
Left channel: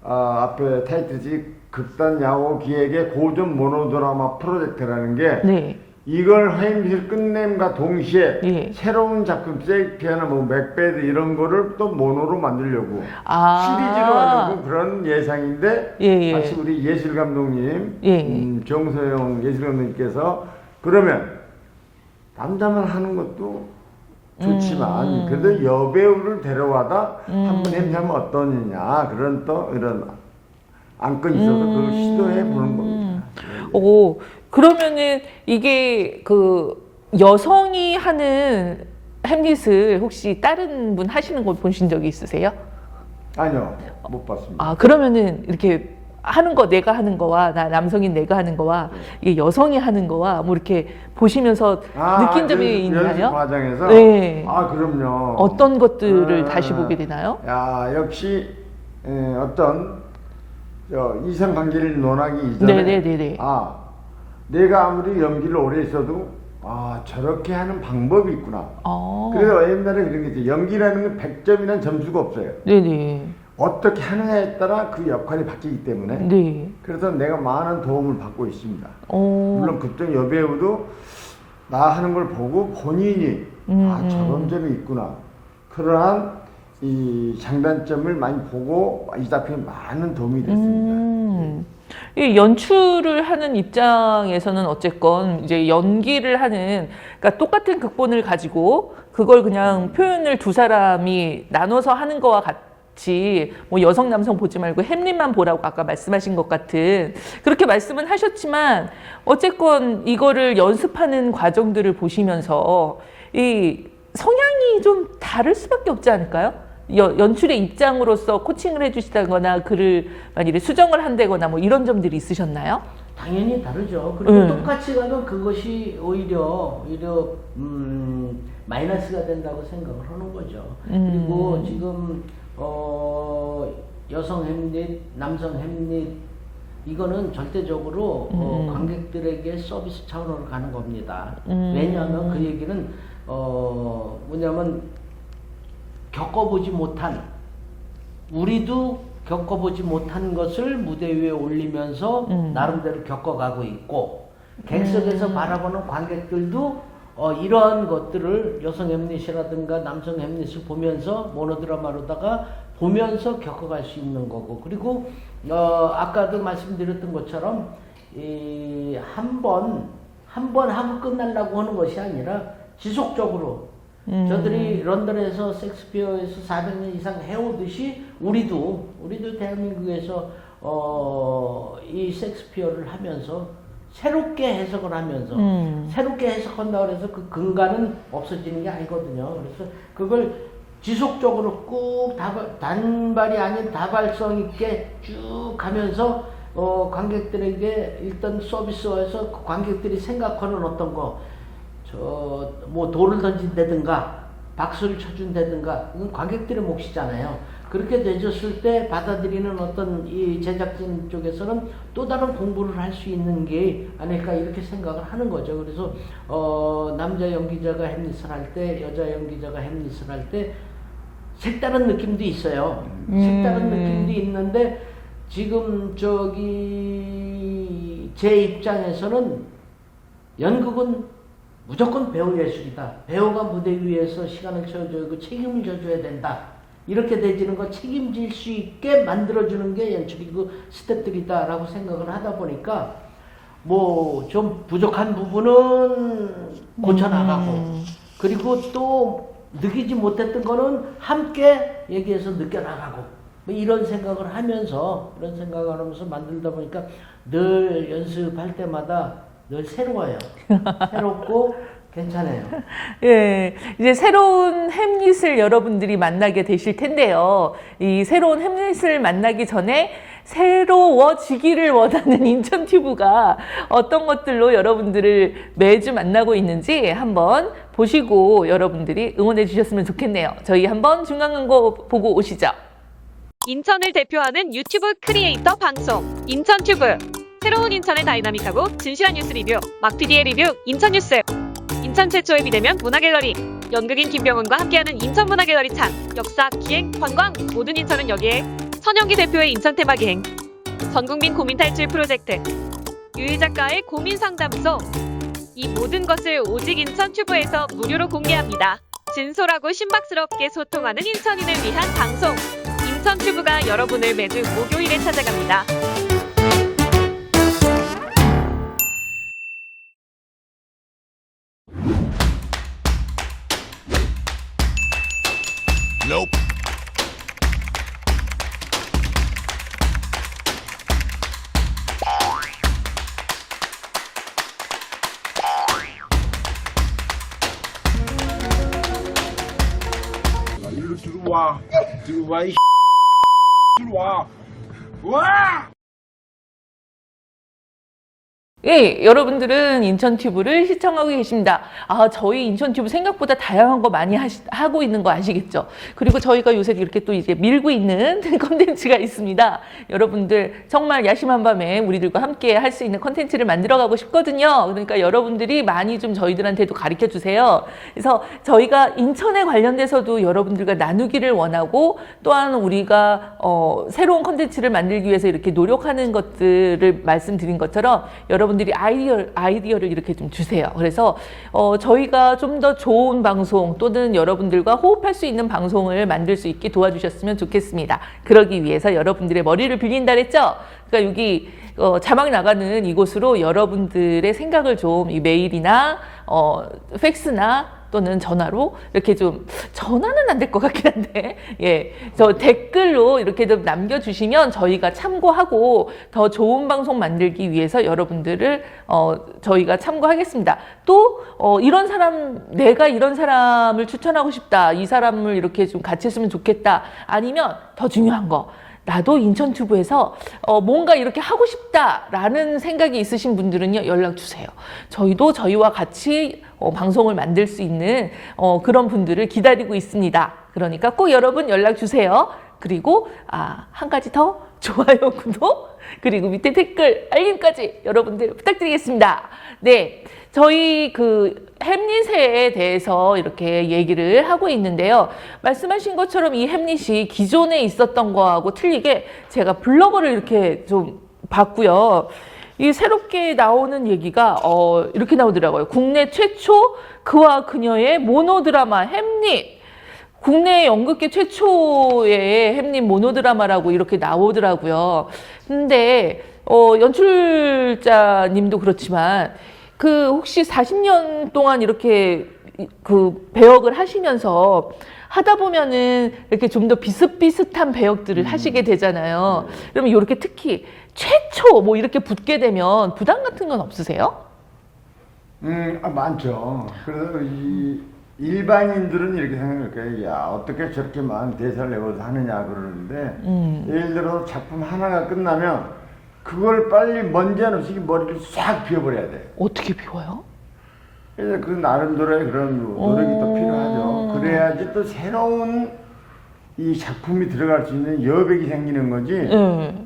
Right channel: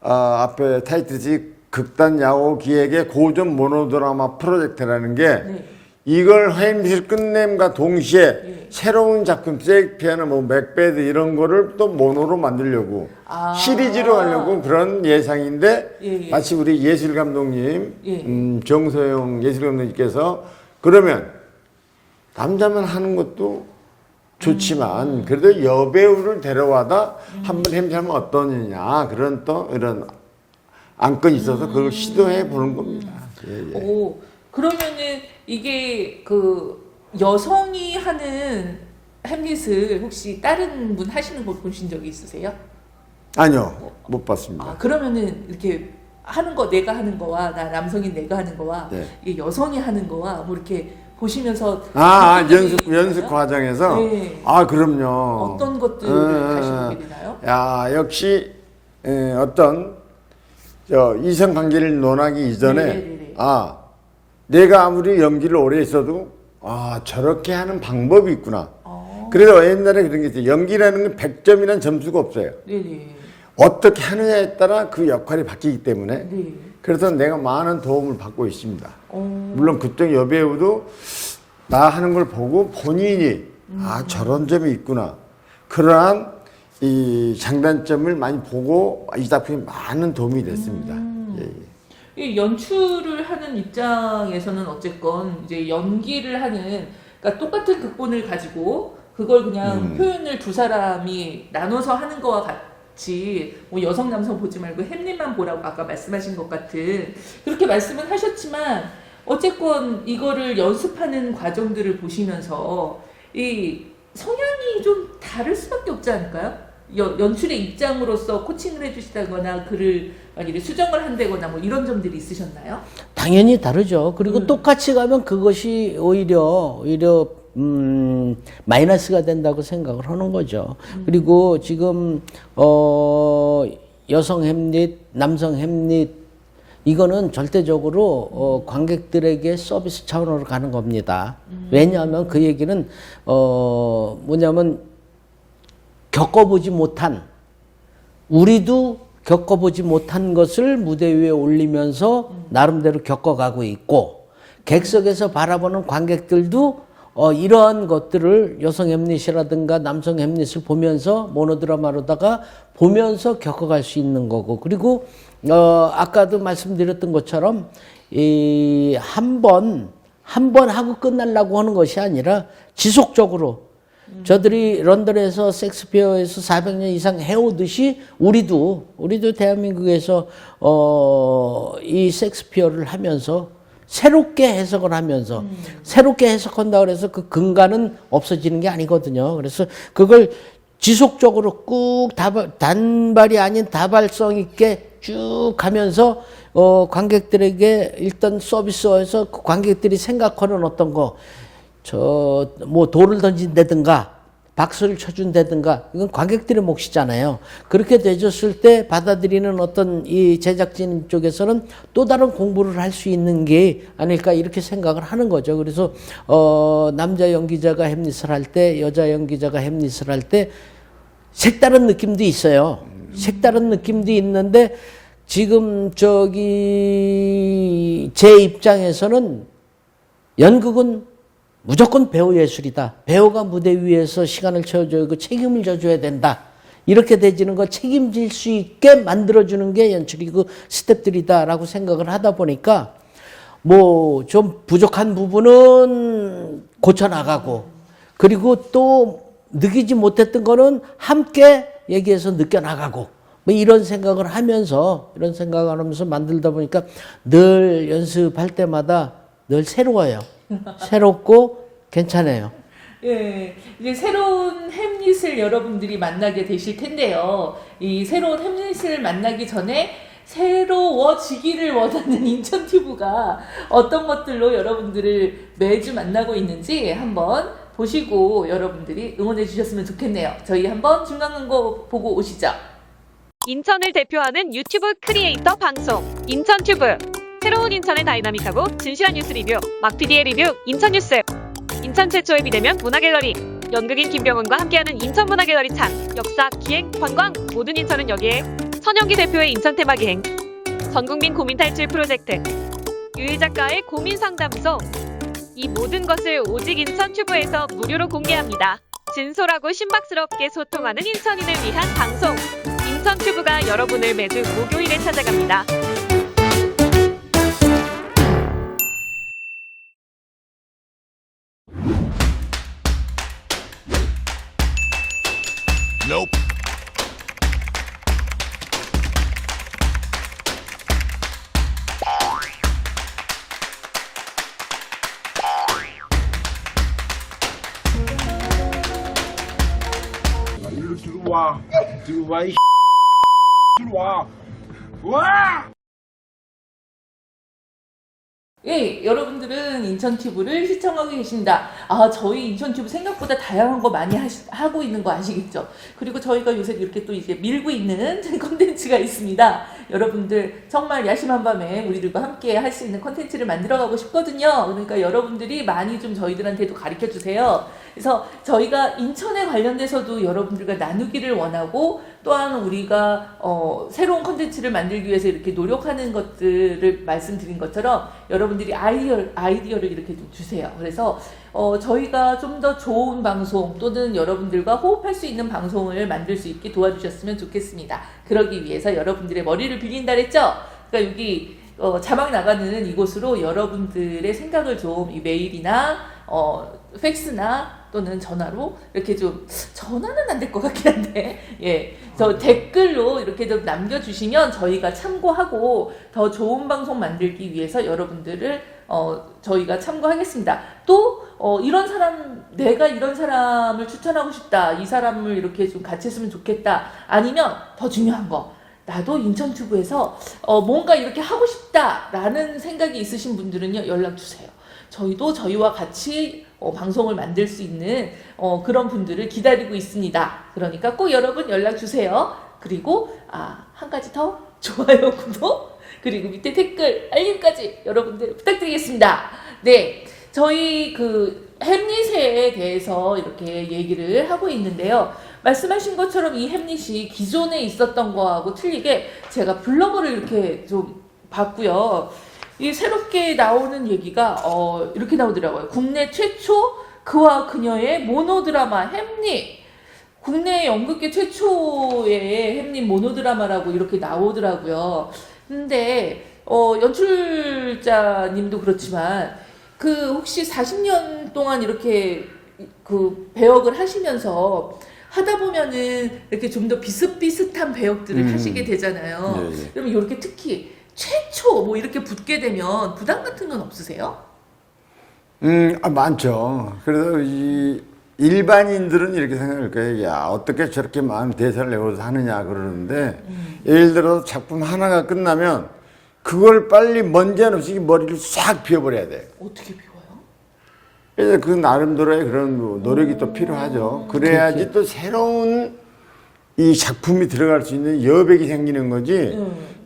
앞에 타이틀이 극단 야호 기획의 고전 모노드라마 프로젝트라는 게, 네. 이걸 햄릿을 끝냄과 동시에 예. 새로운 작품, 셰익스피어나 뭐 맥베드 이런 거를 또 모노로 만들려고 아. 시리즈로 하려고 그런 예상인데 예, 예. 마치 우리 예술 감독님, 예. 정소영 예술 감독님께서 그러면 남자만 하는 것도 좋지만 그래도 여배우를 데려와다 한번 햄릿하면 어떠느냐 그런 또 이런 안건이 있어서 그걸 시도해 보는 겁니다. 예, 예. 오, 그러면은 이게 그 여성이 하는 햄릿을 혹시 다른 분 하시는 걸 보신 적이 있으세요? 아니요, 못 봤습니다. 아, 그러면은 이렇게 하는 거 내가 하는 거와 남성인 내가 하는 거와 네. 이게 여성이 하는 거와 뭐 이렇게 보시면서 아, 느낀 적이 있나요? 연습 과정에서? 네. 아, 그럼요. 어떤 것들을 다시 보게 되나요? 야, 역시 어떤 이성 관계를 논하기 이전에 네네네네. 아, 내가 아무리 연기를 오래 했어도 아, 저렇게 하는 방법이 있구나. 그래서 옛날에 그런 게 있어요. 연기라는 건 100점이라는 점수가 없어요. 네네. 어떻게 하느냐에 따라 그 역할이 바뀌기 때문에 네. 그래서 내가 많은 도움을 받고 있습니다. 오. 물론 그쪽 여배우도 나 하는 걸 보고 본인이 아 저런 점이 있구나 그러한 이 장단점을 많이 보고 이 작품에 많은 도움이 됐습니다. 예. 이 연출을 하는 입장에서는 어쨌건 이제 연기를 하는 그러니까 똑같은 극본을 가지고 그걸 그냥 표현을 두 사람이 나눠서 하는 거와 같이 뭐 여성 남성 보지 말고 햄릿만 보라고 아까 말씀하신 것 같은 그렇게 말씀은 하셨지만 어쨌건 이거를 연습하는 과정들을 보시면서 이 성향이 좀 다를 수밖에 없지 않을까요? 연출의 입장으로서 코칭을 해주시다거나 글을 만일에 수정을 한다거나 뭐 이런 점들이 있으셨나요? 당연히 다르죠. 그리고 똑같이 가면 그것이 오히려 마이너스가 된다고 생각을 하는 거죠. 그리고 지금 여성 햄릿, 남성 햄릿 이거는 절대적으로 관객들에게 서비스 차원으로 가는 겁니다. 왜냐하면 그 얘기는 뭐냐면 겪어보지 못한 우리도 겪어보지 못한 것을 무대 위에 올리면서 나름대로 겪어가고 있고 객석에서 바라보는 관객들도 이러한 것들을 여성 햄릿이라든가 남성 햄릿을 보면서 모노드라마로다가 보면서 겪어갈 수 있는 거고 그리고 아까도 말씀드렸던 것처럼 한 번 하고 끝나려고 하는 것이 아니라 지속적으로 저들이 런던에서 셰익스피어에서 400년 이상 해오듯이 우리도 대한민국에서 이 셰익스피어를 하면서 새롭게 해석을 하면서 새롭게 해석한다 그래서 그 근간은 없어지는 게 아니거든요. 그래서 그걸 지속적으로 꾹 단발이 아닌 다발성 있게 쭉 가면서 관객들에게 일단 서비스에서 그 관객들이 생각하는 어떤 거 뭐 돌을 던진다든가 박수를 쳐준다든가 이건 관객들의 몫이잖아요. 그렇게 되졌을 때 받아들이는 어떤 이 제작진 쪽에서는 또 다른 공부를 할 수 있는 게 아닐까 이렇게 생각을 하는 거죠. 그래서 남자 연기자가 햄릿을 할 때 여자 연기자가 햄릿을 할 때 색다른 느낌도 있어요. 색다른 느낌도 있는데 지금 제 입장에서는 연극은 무조건 배우 예술이다. 배우가 무대 위에서 시간을 채워줘야 그 책임을 져줘야 된다. 이렇게 되지는 거 책임질 수 있게 만들어주는 게 연출이고 스태프들이다라고 생각을 하다 보니까 뭐 좀 부족한 부분은 고쳐나가고 그리고 또 느끼지 못했던 거는 함께 얘기해서 느껴나가고 뭐 이런 생각을 하면서 만들다 보니까 늘 연습할 때마다 늘 새로워요. 새롭고 괜찮아요. 예, 이제 새로운 햄릿을 여러분들이 만나게 되실 텐데요. 이 새로운 햄릿을 만나기 전에 새로워지기를 원하는 인천튜브가 어떤 것들로 여러분들을 매주 만나고 있는지 한번 보시고 여러분들이 응원해 주셨으면 좋겠네요. 저희 한번 중간 광고 보고 오시죠. 인천을 대표하는 유튜브 크리에이터 방송 인천튜브. 새로운 인천의 다이나믹하고 진실한 뉴스 리뷰 막PD의 리뷰 인천뉴스. 인천 최초의 비대면 문화갤러리 연극인 김병훈과 함께하는 인천문화갤러리 창. 역사, 기행, 관광 모든 인천은 여기에. 선영기 대표의 인천 테마 기행. 전국민 고민 탈출 프로젝트. 유일 작가의 고민 상담소. 이 모든 것을 오직 인천 튜브에서 무료로 공개합니다. 진솔하고 신박스럽게 소통하는 인천인을 위한 방송. 인천 튜브가 여러분을 매주 목요일에 찾아갑니다. 일로 들어와. 들어와 이 들어와. 와! 예, 여러분들은 인천튜브를 시청하고 계십니다. 아, 저희 인천튜브 생각보다 다양한 거 많이 하고 있는 거 아시겠죠? 그리고 저희가 요새 이렇게 또 이제 밀고 있는 콘텐츠가 있습니다. 여러분들 정말 야심한 밤에 우리들과 함께 할 수 있는 콘텐츠를 만들어 가고 싶거든요. 그러니까 여러분들이 많이 좀 저희들한테도 가르쳐 주세요. 그래서 저희가 인천에 관련돼서도 여러분들과 나누기를 원하고, 또한 우리가 새로운 콘텐츠를 만들기 위해서 이렇게 노력하는 것들을 말씀드린 것처럼 여러분들이 아이디어를 이렇게 좀 주세요. 그래서 저희가 좀 더 좋은 방송, 또는 여러분들과 호흡할 수 있는 방송을 만들 수 있게 도와주셨으면 좋겠습니다. 그러기 위해서 여러분들의 머리를 빌린다 그랬죠? 그러니까 여기 자막 나가는 이곳으로 여러분들의 생각을 좀 이 메일이나 팩스나 또는 전화로 이렇게 좀, 전화는 안 될 것 같긴 한데, 예, 저 댓글로 이렇게 좀 남겨주시면 저희가 참고하고 더 좋은 방송 만들기 위해서 여러분들을 저희가 참고하겠습니다. 또 이런 사람, 내가 이런 사람을 추천하고 싶다, 이 사람을 이렇게 좀 같이 했으면 좋겠다, 아니면 더 중요한 거, 나도 인천튜브에서 뭔가 이렇게 하고 싶다라는 생각이 있으신 분들은요, 연락 주세요. 저희도 저희와 같이 방송을 만들 수 있는 그런 분들을 기다리고 있습니다. 그러니까 꼭 여러분 연락 주세요. 그리고 한 가지 더, 좋아요, 구독, 그리고 밑에 댓글, 알림까지 여러분들 부탁드리겠습니다. 네, 저희 햄릿에 대해서 이렇게 얘기를 하고 있는데요. 말씀하신 것처럼 이 햄릿이 기존에 있었던 거하고 틀리게 제가 블로거를 이렇게 좀 봤고요. 이 새롭게 나오는 얘기가 이렇게 나오더라고요. 국내 최초 그와 그녀의 모노드라마 햄릿. 국내 연극계 최초의 햄릿 모노드라마라고 이렇게 나오더라고요. 근데 연출자님도 그렇지만 혹시 40년 동안 이렇게 배역을 하시면서 하다 보면은 이렇게 좀 더 비슷비슷한 배역들을 하시게 되잖아요. 네. 그러면 이렇게 특히 최초 뭐 이렇게 붙게 되면 부담 같은 건 없으세요? 많죠. 그래서 이 일반인들은 이렇게 생각할 거예요. 야, 어떻게 저렇게 많은 대사를 외워서 하느냐 그러는데, 예를 들어서 작품 하나가 끝나면 그걸 빨리 먼지 하나 없이 머리를 싹 비워버려야 돼. 어떻게 비워요? 이제 그 나름대로의 그런 노력이 또 필요하죠. 그래야지 또 새로운 이 작품이 들어갈 수 있는 여백이 생기는 거지.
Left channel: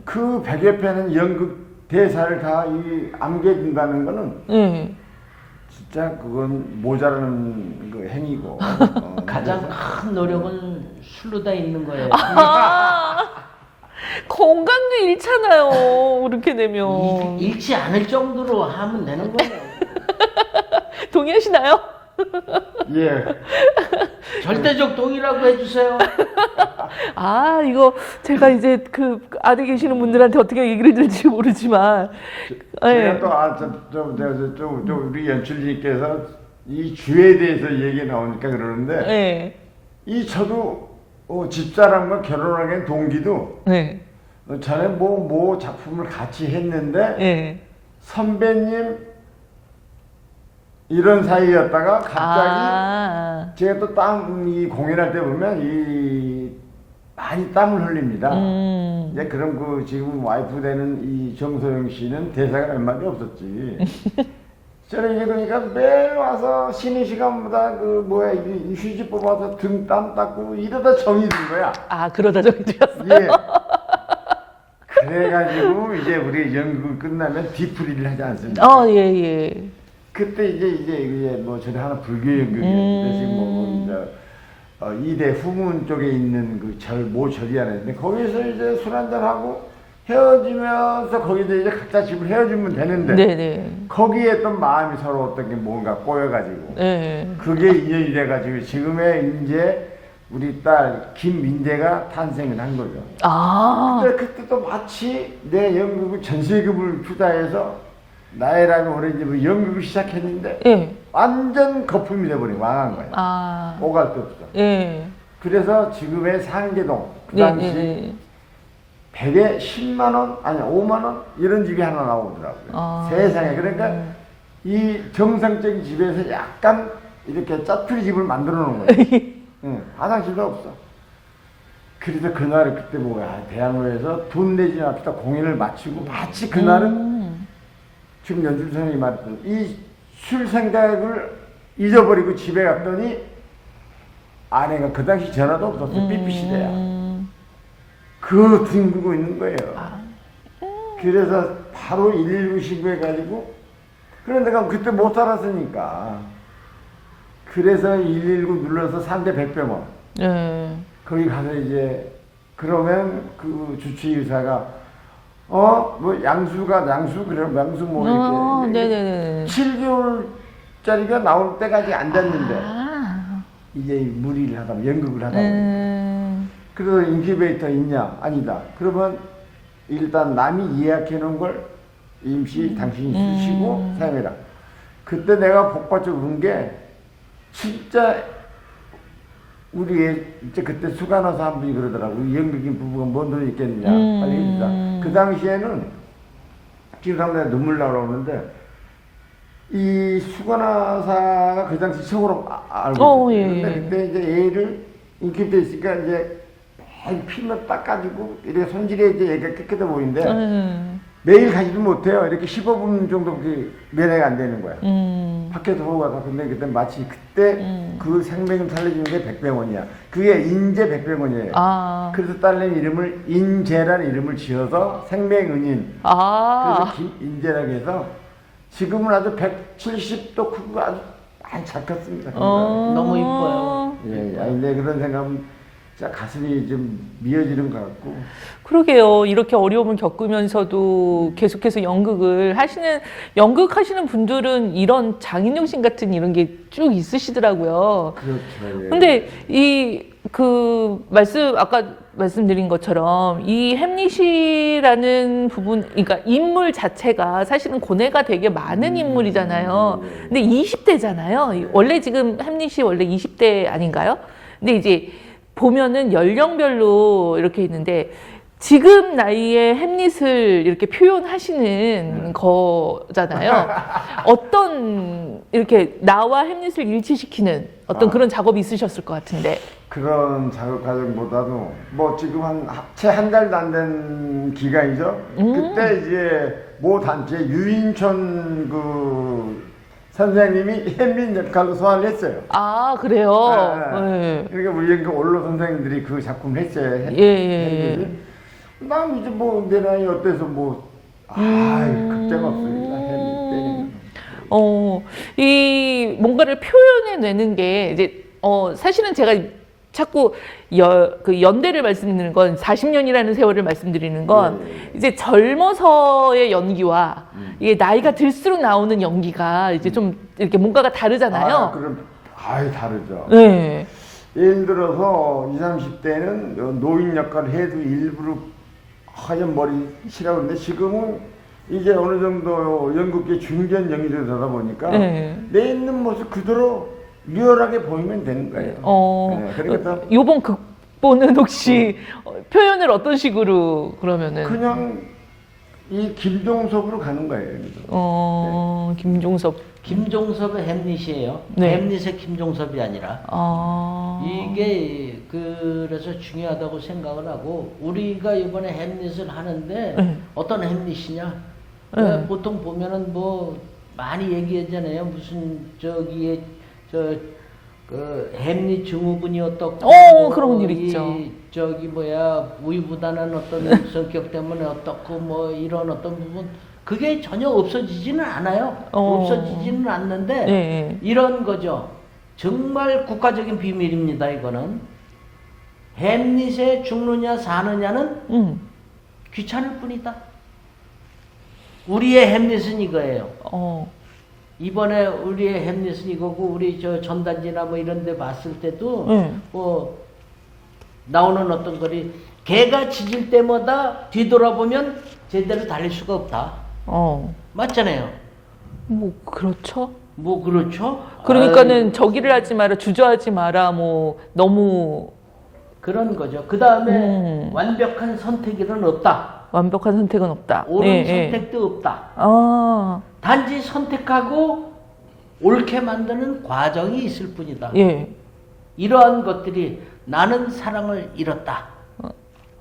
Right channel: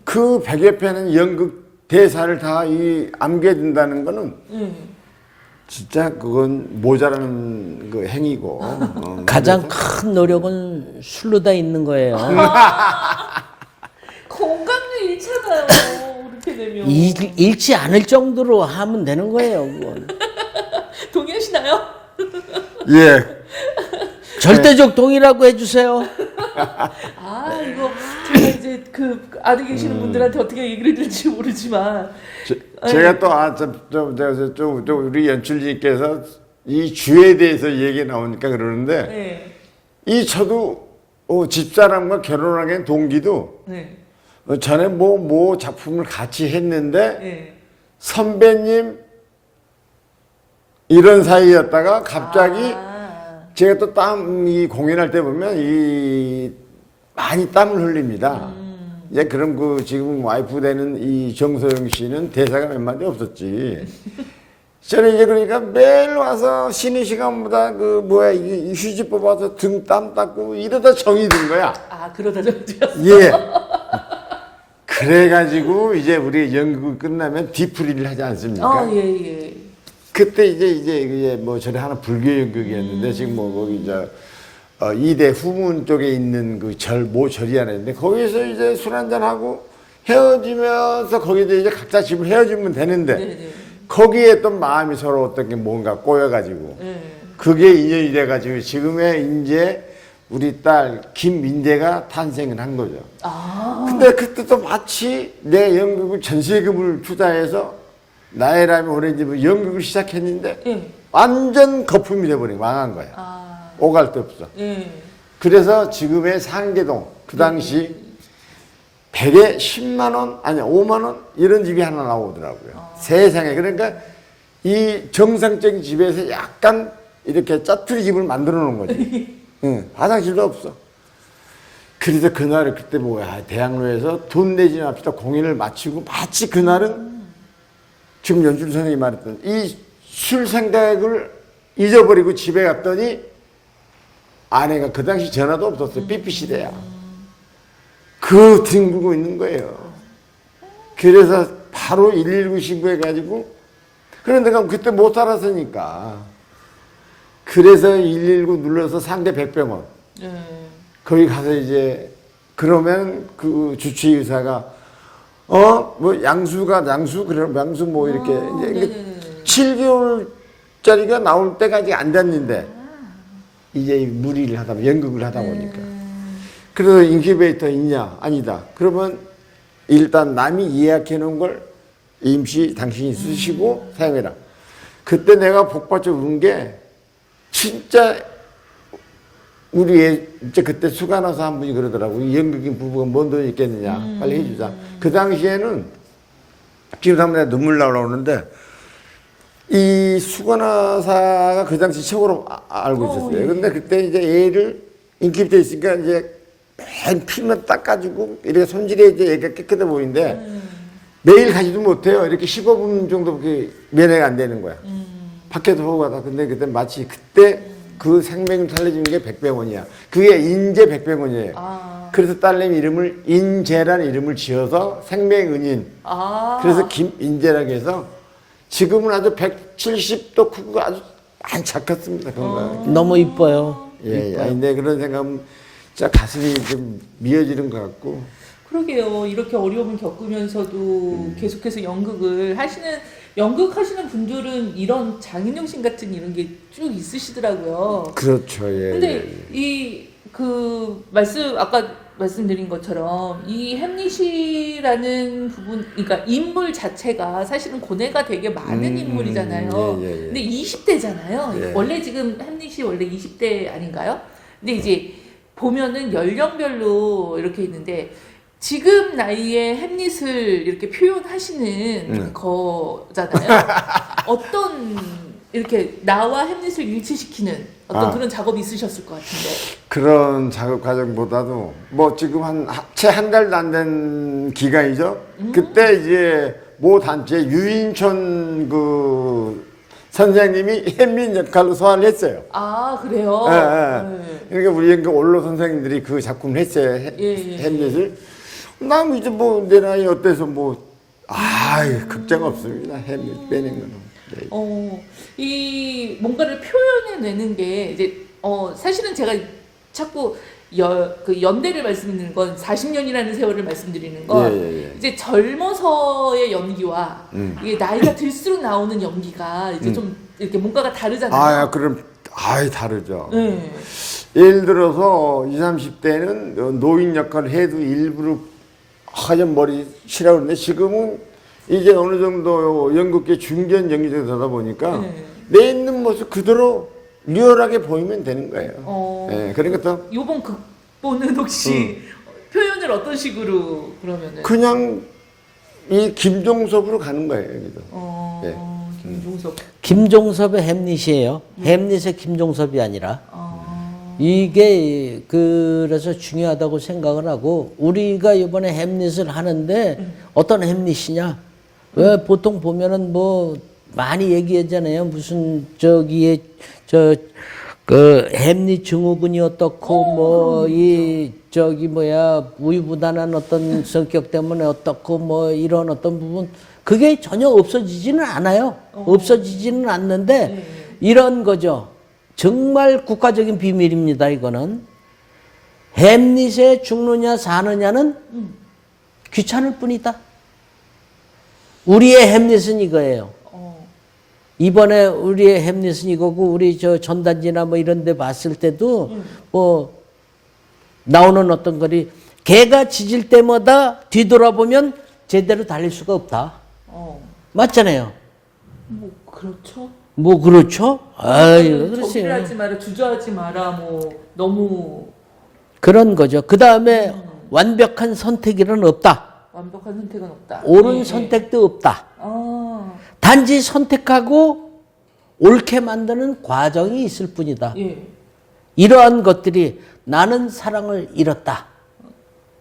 그 100여 편의 연극 대사를 다 암겨둔다는 거는 진짜 그건 모자라는 그 행위고. 가장 큰 노력은 술로 다 있는 거예요. 건강도 잃잖아요. 그렇게 되면. 잃지 않을 정도로 하면 되는 거예요. 뭐. 동의하시나요? 예. 절대적 동의라고 해주세요. 이거 제가 이제 안에 계시는 분들한테 어떻게 얘기를 해드릴지 모르지만. 제가 또 우리 연출님께서 이 주에 대해서 얘기 나오니까 그러는데, 네. 저도 집사람과 결혼하게 된 동기도 네. 전에 뭐 작품을 같이 했는데, 네. 선배님 이런 사이였다가 갑자기 제가 또 이 공연할 때 보면 많이 땀을 흘립니다. 이제 그럼 지금 와이프 되는 이 정소영 씨는 대사가 몇 마디 없었지. 저는 이제 그러니까 매일 와서 쉬는 시간보다 이 휴지 뽑아서 등 땀 닦고 이러다 정이 든 거야. 그러다 정이 들었어요. 예. 그래가지고 이제 우리 연극 끝나면 뒤풀이를 하지 않습니까? 예. 그때 이제 뭐 저희 하나 불교 연극이었는데 지금 이제 이대 후문 쪽에 있는 모 절이 하나 있는데 거기서 이제 술 한잔 하고 헤어지면서 거기서 이제 각자 집을 헤어지면 되는데 네네. 거기에 또 마음이 서로 어떤 게 뭔가 꼬여가지고 네. 그게 인연이 돼가지고 지금의 이제 우리 딸 김민재가 탄생을 한 거죠. 아. 근데 그때도 마치 내 연극을 전세금을 투자해서 나이라면 오렌지 연극을 시작했는데 예. 완전 거품이 돼버려 망한 거야. 아. 오갈 데 없어. 예. 그래서 지금의 상계동 그 당시 네. 100에 10만 원 아니 5만 원 이런 집이 하나 나오더라고요. 아. 세상에. 그러니까 이 정상적인 집에서 약간 이렇게 짜투리 집을 만들어 놓은 거예요. 응, 화장실도 없어. 그래서 그날을 그때 뭐야 대학로에서 돈 내지 맙시다 공연을 마치고 마치 그날은 지금 연준 선생님이 말했던 이 술 생각을 잊어버리고 집에 갔더니 아내가 그 당시 전화도 없었어요. 삐삐 시대야. 그 뒹굴고 있는 거예요. 그래서 바로 119 신고해가지고 그런데 내가 그때 못 살았으니까 그래서 119 눌러서 상대 100병원 예. 거기 가서 이제 그러면 그 주치의 의사가 뭐 양수 그럼 양수 뭐 이렇게 이제 네네네. 7개월짜리가 나올 때까지 안 됐는데 이제 무리를 하다 연극을 하다 보니까 그래서 인큐베이터 있냐 아니다 그러면 일단 남이 예약해 놓은 걸 임시 당신이 쓰시고 사용해라. 그때 내가 복받쳐 운 게 진짜 우리 애 이제 그때 수간호사 한 분이 그러더라고. 이 연극인 부부가 뭔 돈이 있겠느냐. 빨리 해주자. 그 당시에는 지금 한번 내가 눈물 나오는데 이 수간호사가 그 당시 최고로 알고 있었어요. 예, 근데 예. 그때 이제 애를 인큐베이터 있으니까 이제 맨 피만 닦아주고 이렇게 손질해 이제 애가 깨끗해 보이는데 매일 가지도 못해요. 이렇게 15분 정도밖에 면회가 안 되는 거야. 밖에도 보고 가다. 근데 그때 마치 그때 그 생명을 살려주는 게 백병원이야. 그게 인재 백병원이에요. 아. 그래서 딸내미 이름을 인재라는 이름을 지어서 생명은인. 아. 그래서 김인재라고 해서 지금은 아주 170도 크고 아주 많이 작았습니다. 너무 이뻐요. 예, 아니, 내 그런 생각은 진짜 가슴이 좀 미어지는 것 같고. 그러게요. 이렇게 어려움을 겪으면서도 계속해서 연극하시는 분들은 이런 장인용신 같은 이런 게 쭉 있으시더라고요. 그렇죠. 예. 근데 아까 말씀드린 것처럼 이 햄릿이라는 부분, 그러니까 인물 자체가 사실은 고뇌가 되게 많은 인물이잖아요. 예, 예, 예. 근데 20대잖아요. 예. 원래 지금 햄릿이 원래 20대 아닌가요? 근데 이제 보면은 연령별로 이렇게 있는데 지금 나이에 햄릿을 이렇게 표현하시는 거잖아요. 어떤 이렇게 나와 햄릿을 일치시키는 어떤 그런 작업이 있으셨을 것 같은데. 그런 작업 과정보다도 뭐 지금 채 한 달도 안 된 기간이죠. 그때 이제 모 단체 유인천 그 선생님이 햄릿 역할로 소환을 했어요. 아, 그래요? 네. 그러니까 우리 연극 원로 선생님들이 그 작품을 했어요. 햄릿을. 난 이제 뭐 내 나이 어때서 극장 없습니다. 햄릿 빼는 건. 뭔가를 표현해내는 게 이제 사실은 제가 자꾸 그 연대를 말씀드리는 건 40년이라는 세월을 말씀드리는 건 이제 젊어서의 연기와 이게 나이가 들수록 나오는 연기가 이제 좀 이렇게 뭔가가 다르잖아요. 그럼 다르죠. 네. 예를 들어서 20, 30대는 노인 역할을 해도 일부러 하얀 머리 칠하고 그러는데 지금은 이제 어느 정도 연극계 중견 연기자가 되다 보니까 내 있는 모습 그대로 리얼하게 보이면 되는 거예요. 네, 그러니까 요번 극본은 혹시 표현을 어떤 식으로 그러면은? 그냥 이 김종섭으로 가는 거예요. 김종섭. 김종섭의 햄릿이에요. 네. 햄릿의 김종섭이 아니라. 이게 그래서 중요하다고 생각을 하고 우리가 이번에 햄릿을 하는데 어떤 햄릿이냐? 왜 보통 보면은 뭐 많이 얘기하잖아요. 무슨 그 햄릿 증후군이 어떻고 그런 일 있죠. 우유부단한 어떤 성격 때문에 어떻고 뭐 이런 어떤 부분 그게 전혀 없어지지는 않아요. 없어지지는 않는데 이런 거죠. 정말 국가적인 비밀입니다. 이거는 햄릿에 죽느냐 사느냐는 귀찮을 뿐이다. 우리의 햄릿은 이거예요. 이번에 우리의 햄릿은 이거고, 우리 저 전단지나 뭐 이런 데 봤을 때도 뭐 나오는 어떤 거리, 개가 짖을 때마다 뒤돌아보면 제대로 달릴 수가 없다. 맞잖아요. 뭐 그렇죠. 뭐 그렇죠. 그러니까는 아이고, 저기를 글쎄요. 하지 마라, 주저하지 마라, 뭐 너무 그런 거죠. 그 다음에 완벽한 선택이란 없다. 완벽한 선택은 없다. 옳은 선택도 없다. 아, 단지 선택하고 옳게 만드는 과정이 있을 뿐이다. 예. 이러한 것들이 나는 사랑을 잃었다.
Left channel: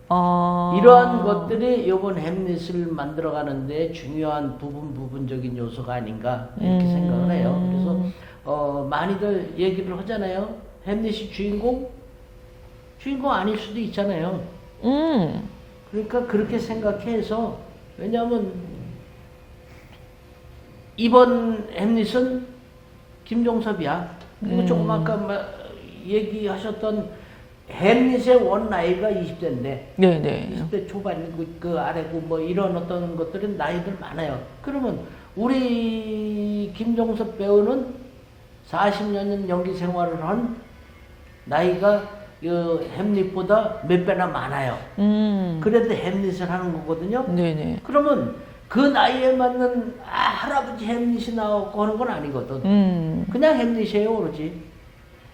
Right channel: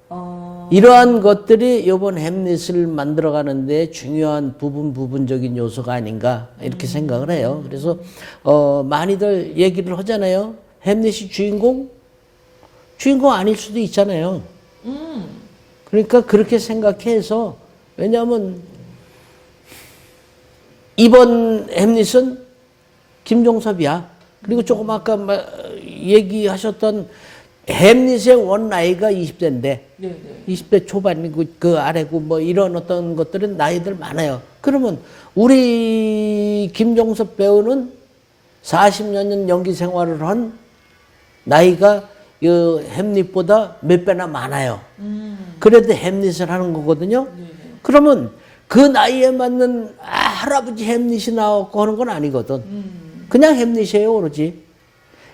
아, 이러한 것들이 이번 햄릿을 만들어가는데 중요한 부분적인 요소가 아닌가 이렇게 생각을 해요. 그래서 많이들 얘기를 하잖아요. 햄릿이 주인공 아닐 수도 있잖아요. 그러니까 그렇게 생각해서, 왜냐하면 이번 햄릿은 김종섭이야. 그리고 조금 아까 얘기하셨던 햄릿의 원 나이가 20대인데 네네. 20대 초반이고 그 아래고 뭐 이런 어떤 것들은 나이들 많아요. 그러면 우리 김종섭 배우는 40여 년 연기 생활을 한 나이가 그 햄릿보다 몇 배나 많아요. 그래도 햄릿을 하는 거거든요. 네네. 그러면 그 나이에 맞는 할아버지 햄릿이 나오고 하는 건 아니거든. 그냥 햄릿이에요, 오로지.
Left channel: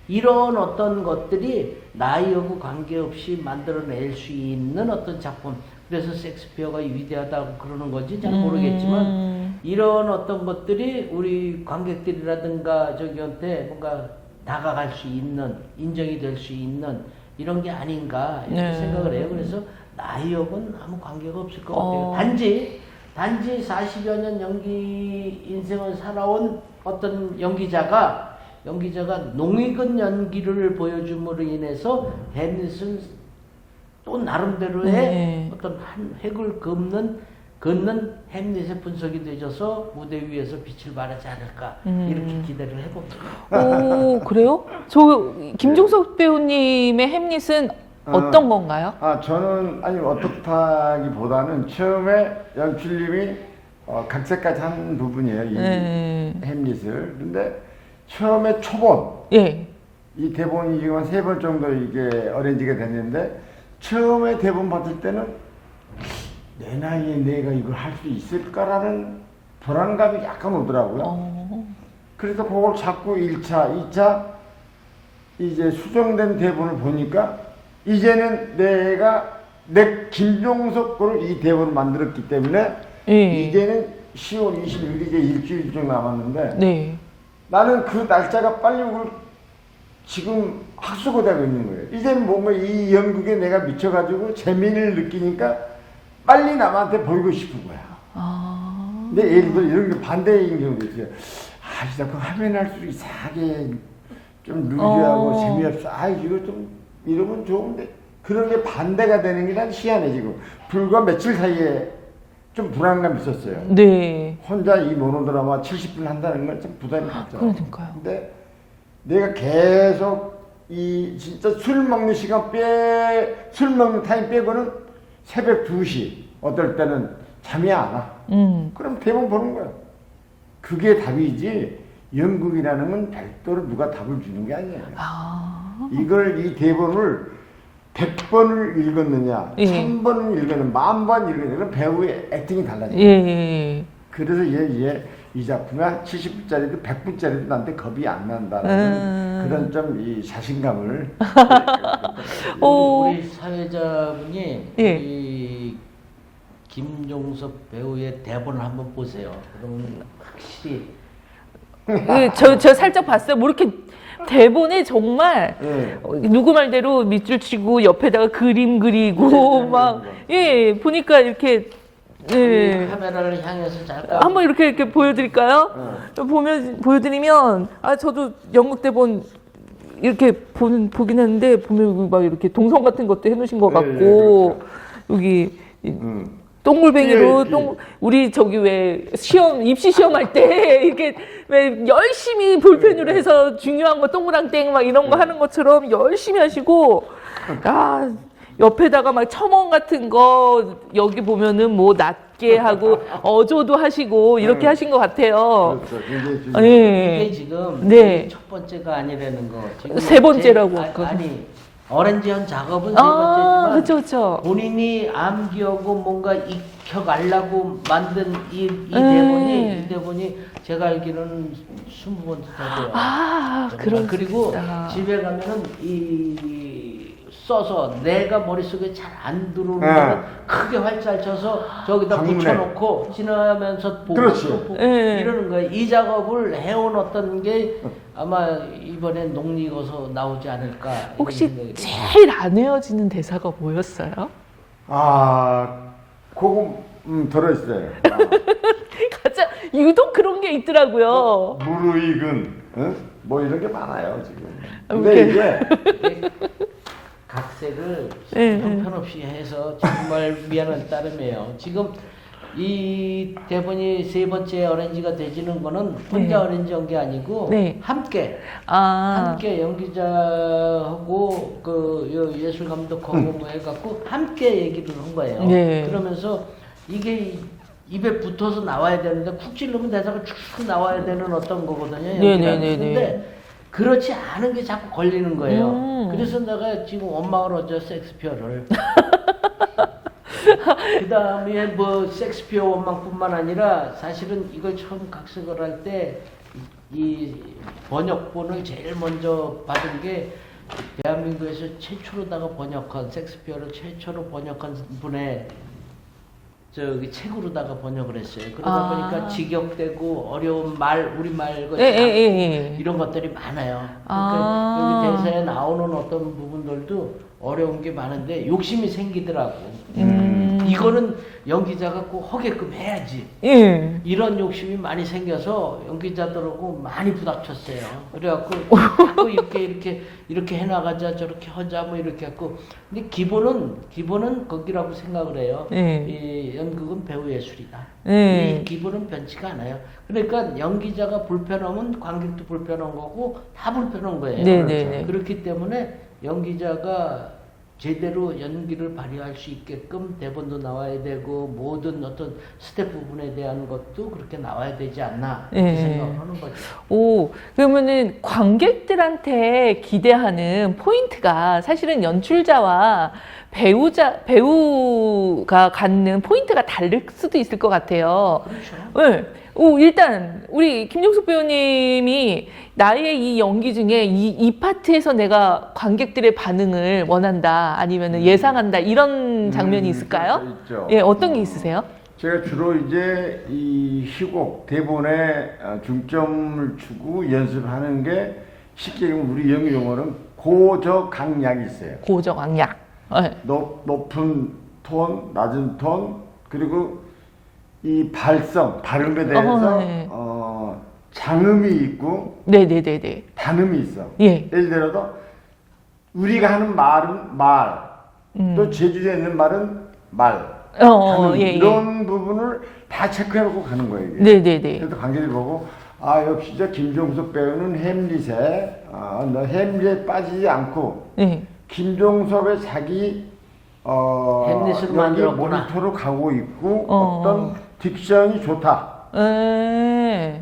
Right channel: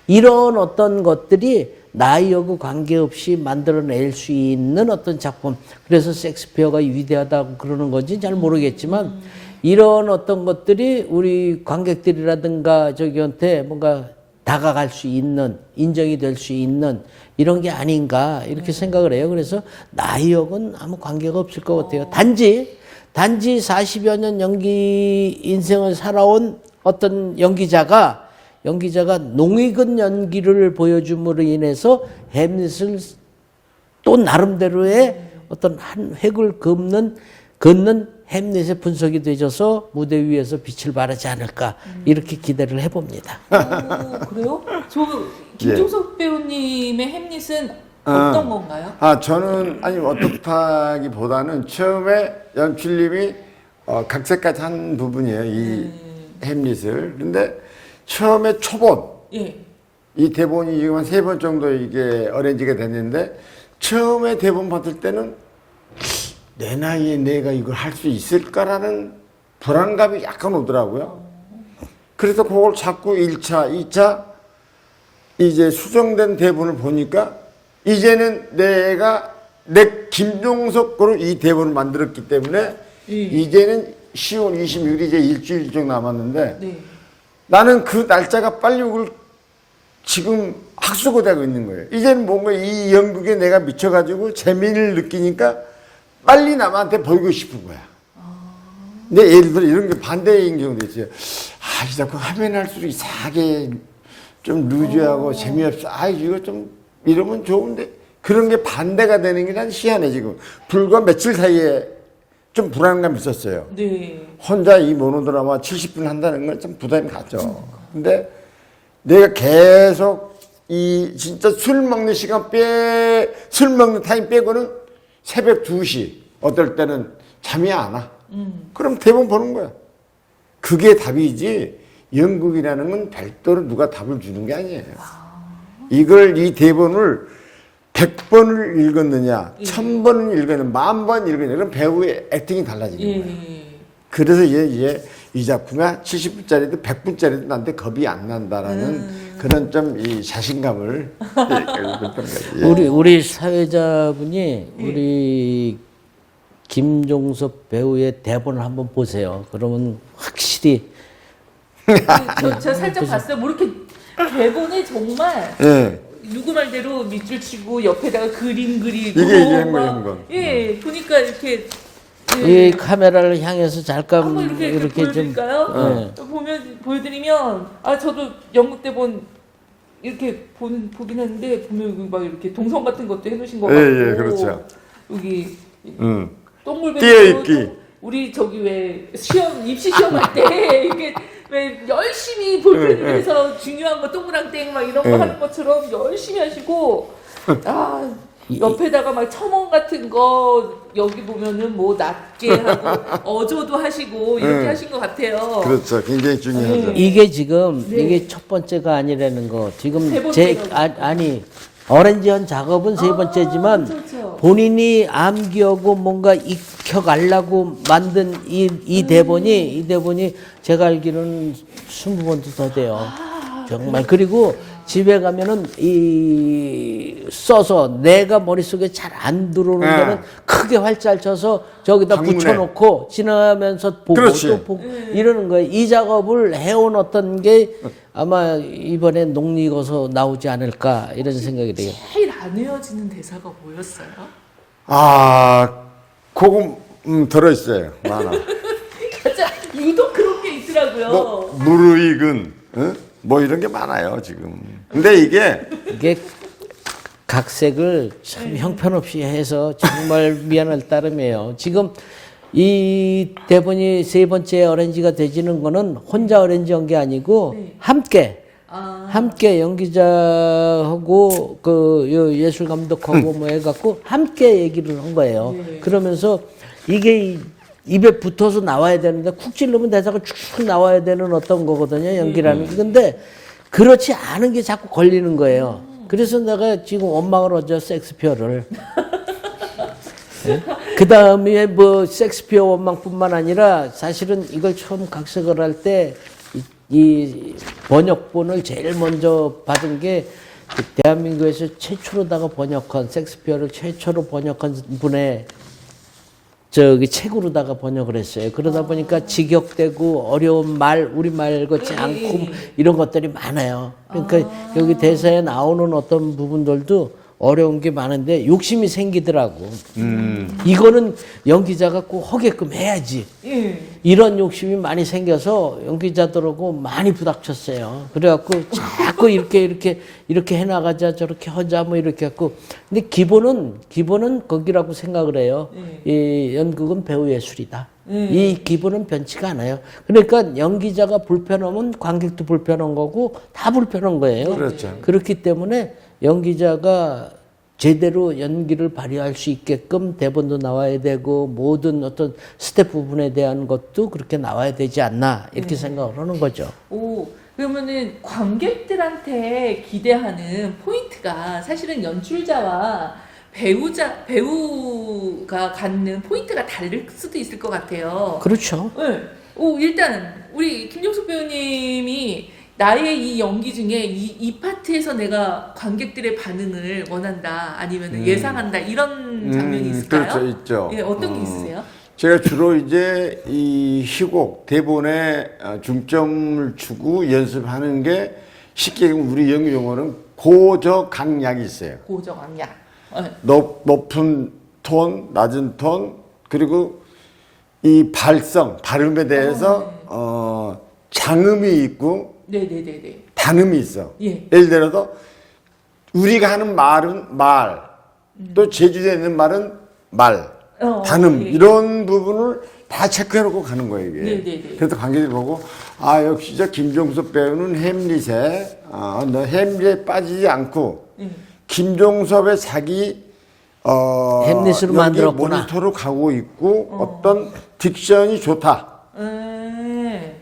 이런 어떤 것들이 나이하고 관계없이 만들어낼 수 있는 어떤 작품. 그래서 섹스피어가 위대하다고 그러는 건지 잘 모르겠지만, 이런 어떤 것들이 우리 관객들이라든가 저기한테 뭔가 다가갈 수 있는, 인정이 될 수 있는 이런 게 아닌가 이렇게 생각을 해요. 그래서 나이하고는 아무 관계가 없을 것 같아요. 단지 40여 년 연기 인생을 살아온 어떤 연기자가 농익은 연기를 보여줌으로 인해서 햄릿을 또 나름대로의 어떤 한 획을 긋는 햄릿의 분석이 되어서 무대 위에서 빛을 발하지 않을까 이렇게 기대를 해봅니다. 오, 그래요? 저 김종석 배우님의 햄릿은 어떤 건가요? 저는 어떻다기보다는 처음에 연출님이 각색까지 한 부분이에요. 이 햄릿을. 근데 처음에 초본, 예. 이 대본이 지금 한 3번 정도 이게 어레인지가 됐는데, 처음에 대본 받을 때는 내 나이에 내가 이걸 할 수 있을까라는 불안감이 약간 오더라고요. 그래서 그걸 자꾸 1차, 2차 이제 수정된 대본을 보니까 이제는 내가 내 김종석 거로 이 대본을 만들었기 때문에 이제는 10월 26일 이제 일주일 정도 남았는데 네. 나는 그 날짜가 빨리 오길 지금 학수고대고 있는 거예요. 이제는 뭔가 이 연극에 내가 미쳐가지고 재미를 느끼니까 빨리 남한테 보이고 싶은 거야. 근데 예를 들어 이런 게 반대인 경우도 있어요. 자꾸 하면 할수록 이상하게 좀 루즈하고 재미없어. 이거 좀 이러면 좋은데. 그런 게 반대가 되는 게 난 희한해, 지금. 불과 며칠 사이에 좀 불안감이 있었어요. 네. 혼자 이 모노드라마 70분 한다는 건 좀 부담이 가죠. 근데 내가 계속 이 진짜 술 먹는 술 먹는 타임 빼고는 새벽 2시, 어떨 때는 잠이 안 와. 그럼 대본 보는 거야. 그게 답이지, 연극이라는 건 별도로 누가 답을 주는 게 아니에요. 이 대본을 100번을 읽었느냐, 1000번을 읽었느냐, 10,000번 읽었느냐, 그럼 배우의 액팅이 달라지는 거예요. 예. 그래서 이 작품에 70분짜리도 100분짜리도 나한테 겁이 안 난다라는 그런 좀 이 자신감을 우리 사회자분이 우리 김종섭 배우의 대본을 한번 보세요. 그러면 확실히 저 살짝 봤어요. 뭐 이렇게 대본에 정말 누구 말대로 밑줄 치고 옆에다가 그림 그리고 이게 막 보니까 이렇게 이 카메라를 향해서 잠깐 한번 이렇게 좀, 보여드릴까요? 보여드리면 저도 연극 대본 이렇게 보긴 했는데 보면 막 이렇게 동선 같은 것도 해놓으신 것 같고 그렇죠. 여기 똥물뱅이도 우리 저기 왜 입시 시험할 때 이렇게 왜 열심히 볼펜으로 해서 중요한 거 동그랑땡 막 이런 거 하는 것처럼 열심히 하시고 옆에다가 막 첨언 같은 거 여기 보면은 뭐 낮게 하고 어조도 하시고 이렇게 네. 하신 것 같아요. 그렇죠. 굉장히 중요하죠. 네. 이게 지금 네. 이게 첫 번째가 아니라는 거. 지금 세 번째라고 아니 어렌지한 작업은 세 번째지만 그쵸. 본인이 암기하고 뭔가 익혀가려고 만든 이 대본이 제가 알기로는 20번도 더 돼요. 정말. 그리고 집에 가면은 이 써서 내가 머릿속에 잘 안 들어오는 네. 거는 크게 활자를 쳐서 저기다 방문해. 붙여놓고 지나가면서 보고 그렇지. 또 보고 네. 이러는 거예요. 이 작업을 해온 어떤 게 아마 이번에 녹리고서 나오지 않을까 이런 혹시 생각이 돼요. 제일 안 외워지는 대사가 뭐였어요? 그거 들어있어요. 하나. 진짜 유독 그런 게 있더라고요. 뭐 무르익은 뭐 이런 게 많아요 지금. 근데 이게 각색을 참 형편없이 해서 정말 미안할 따름이에요. 지금 이 대본이 세 번째 어렌지가 되지는 거는 혼자 어렌지 한 게 아니고 네. 함께 아, 함께 연기자하고 그 예술 감독하고 뭐 해갖고 함께 얘기를 한 거예요. 네. 그러면서 이게 입에 붙어서 나와야 되는데 쿡 찌르면 대사가 쭉 나와야 되는 어떤 거거든요. 연기라는 게. 네네네네. 근데 그렇지 않은 게 자꾸 걸리는 거예요. 그래서 내가 지금 원망을 하죠. 섹스피어를. 그 다음에 뭐 섹스피어 원망뿐만 아니라 사실은 이걸 처음 각색을 할 때 이 번역본을 제일 먼저 받은 게 그 대한민국에서 최초로다가 번역한 섹스피어를 최초로 번역한 분의 저기 책으로다가 번역을 했어요. 그러다 보니까 직역되고 어려운 말, 우리말 같지 않고 이런 것들이 많아요. 그러니까 여기 대사에 나오는 어떤 부분들도 어려운 게 많은데 욕심이 생기더라고. 이거는 연기자가 꼭 하게끔 해야지. 이런 욕심이 많이 생겨서 연기자들하고 많이 부닥쳤어요. 그래갖고 자꾸 이렇게 해나가자 저렇게 하자 뭐 이렇게 했고. 근데 기본은 거기라고 생각을 해요. 이 연극은 배우 예술이다. 이 기본은 변치가 않아요. 그러니까 연기자가 불편하면 관객도 불편한 거고 다 불편한 거예요. 네네네. 그렇기 때문에 연기자가 제대로 연기를 발휘할 수 있게끔 대본도 나와야 되고 모든 어떤 스텝 부분에 대한 것도 그렇게 나와야 되지 않나 이렇게 생각을 하는 거죠. 오, 그러면은 관객들한테 기대하는 포인트가 사실은 연출자와 배우가 갖는 포인트가 다를 수도 있을 것 같아요. 그렇죠. 네. 오, 일단 우리 김종숙 배우님이 나의 이 연기 중에 이 파트에서 내가 관객들의 반응을 원한다 아니면 예상한다 이런 장면이 있을까요? 그렇죠, 있죠. 예, 어떤 게 있으세요? 제가 주로 이제 이 희곡 대본에 중점을 주고 연습하는 게 쉽게 우리 연기 용어는 고저강약이 있어요. 고정왕약. 네. 높은 톤, 낮은 톤, 그리고 이 발음에 대해서 네. 장음이 있고 네네네네. 단음이 있어. 예. 예를 들어서 우리가 하는 말은 말, 또 제주도에 있는 말은 말, 단음 예, 예. 이런 부분을 다 체크해놓고 가는 거예요. 이게. 네네네. 그래서 관객이 보고 역시 저 김종섭 배우는 햄릿에 너 햄릿에 빠지지 않고 네. 김종섭의 자기 햄릿으로 연기 만들었구나. 모니터로 가고 있고 어떤 딕션이 좋다.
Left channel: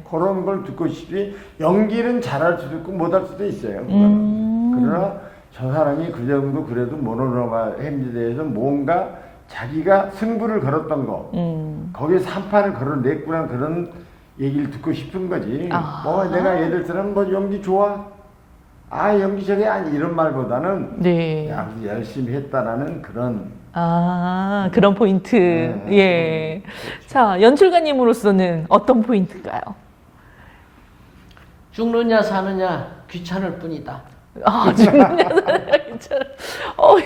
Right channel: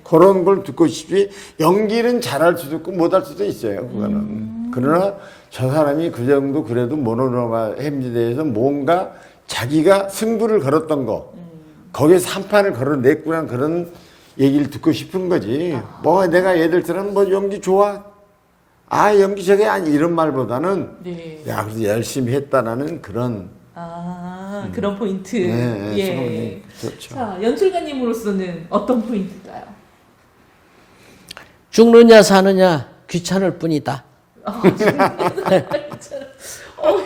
그런 걸 듣고 싶지 연기는 잘할 수도 있고 못할 수도 있어요. 그거는. 그러나 저 사람이 그 정도 그래도 모노로마 햄릿에 대해서 뭔가 자기가 승부를 걸었던 거 거기에 3판을 걸어냈구나 그런 얘기를 듣고 싶은 거지. 뭐 내가 얘들처럼 뭐 연기 좋아? 연기 저게 아니 이런 말보다는 네. 야 그래도 열심히 했다라는 그런 그런 포인트. 네, 예. 그렇죠. 자, 연출가님으로서는 어떤 포인트인가요? 죽느냐 사느냐 귀찮을 뿐이다.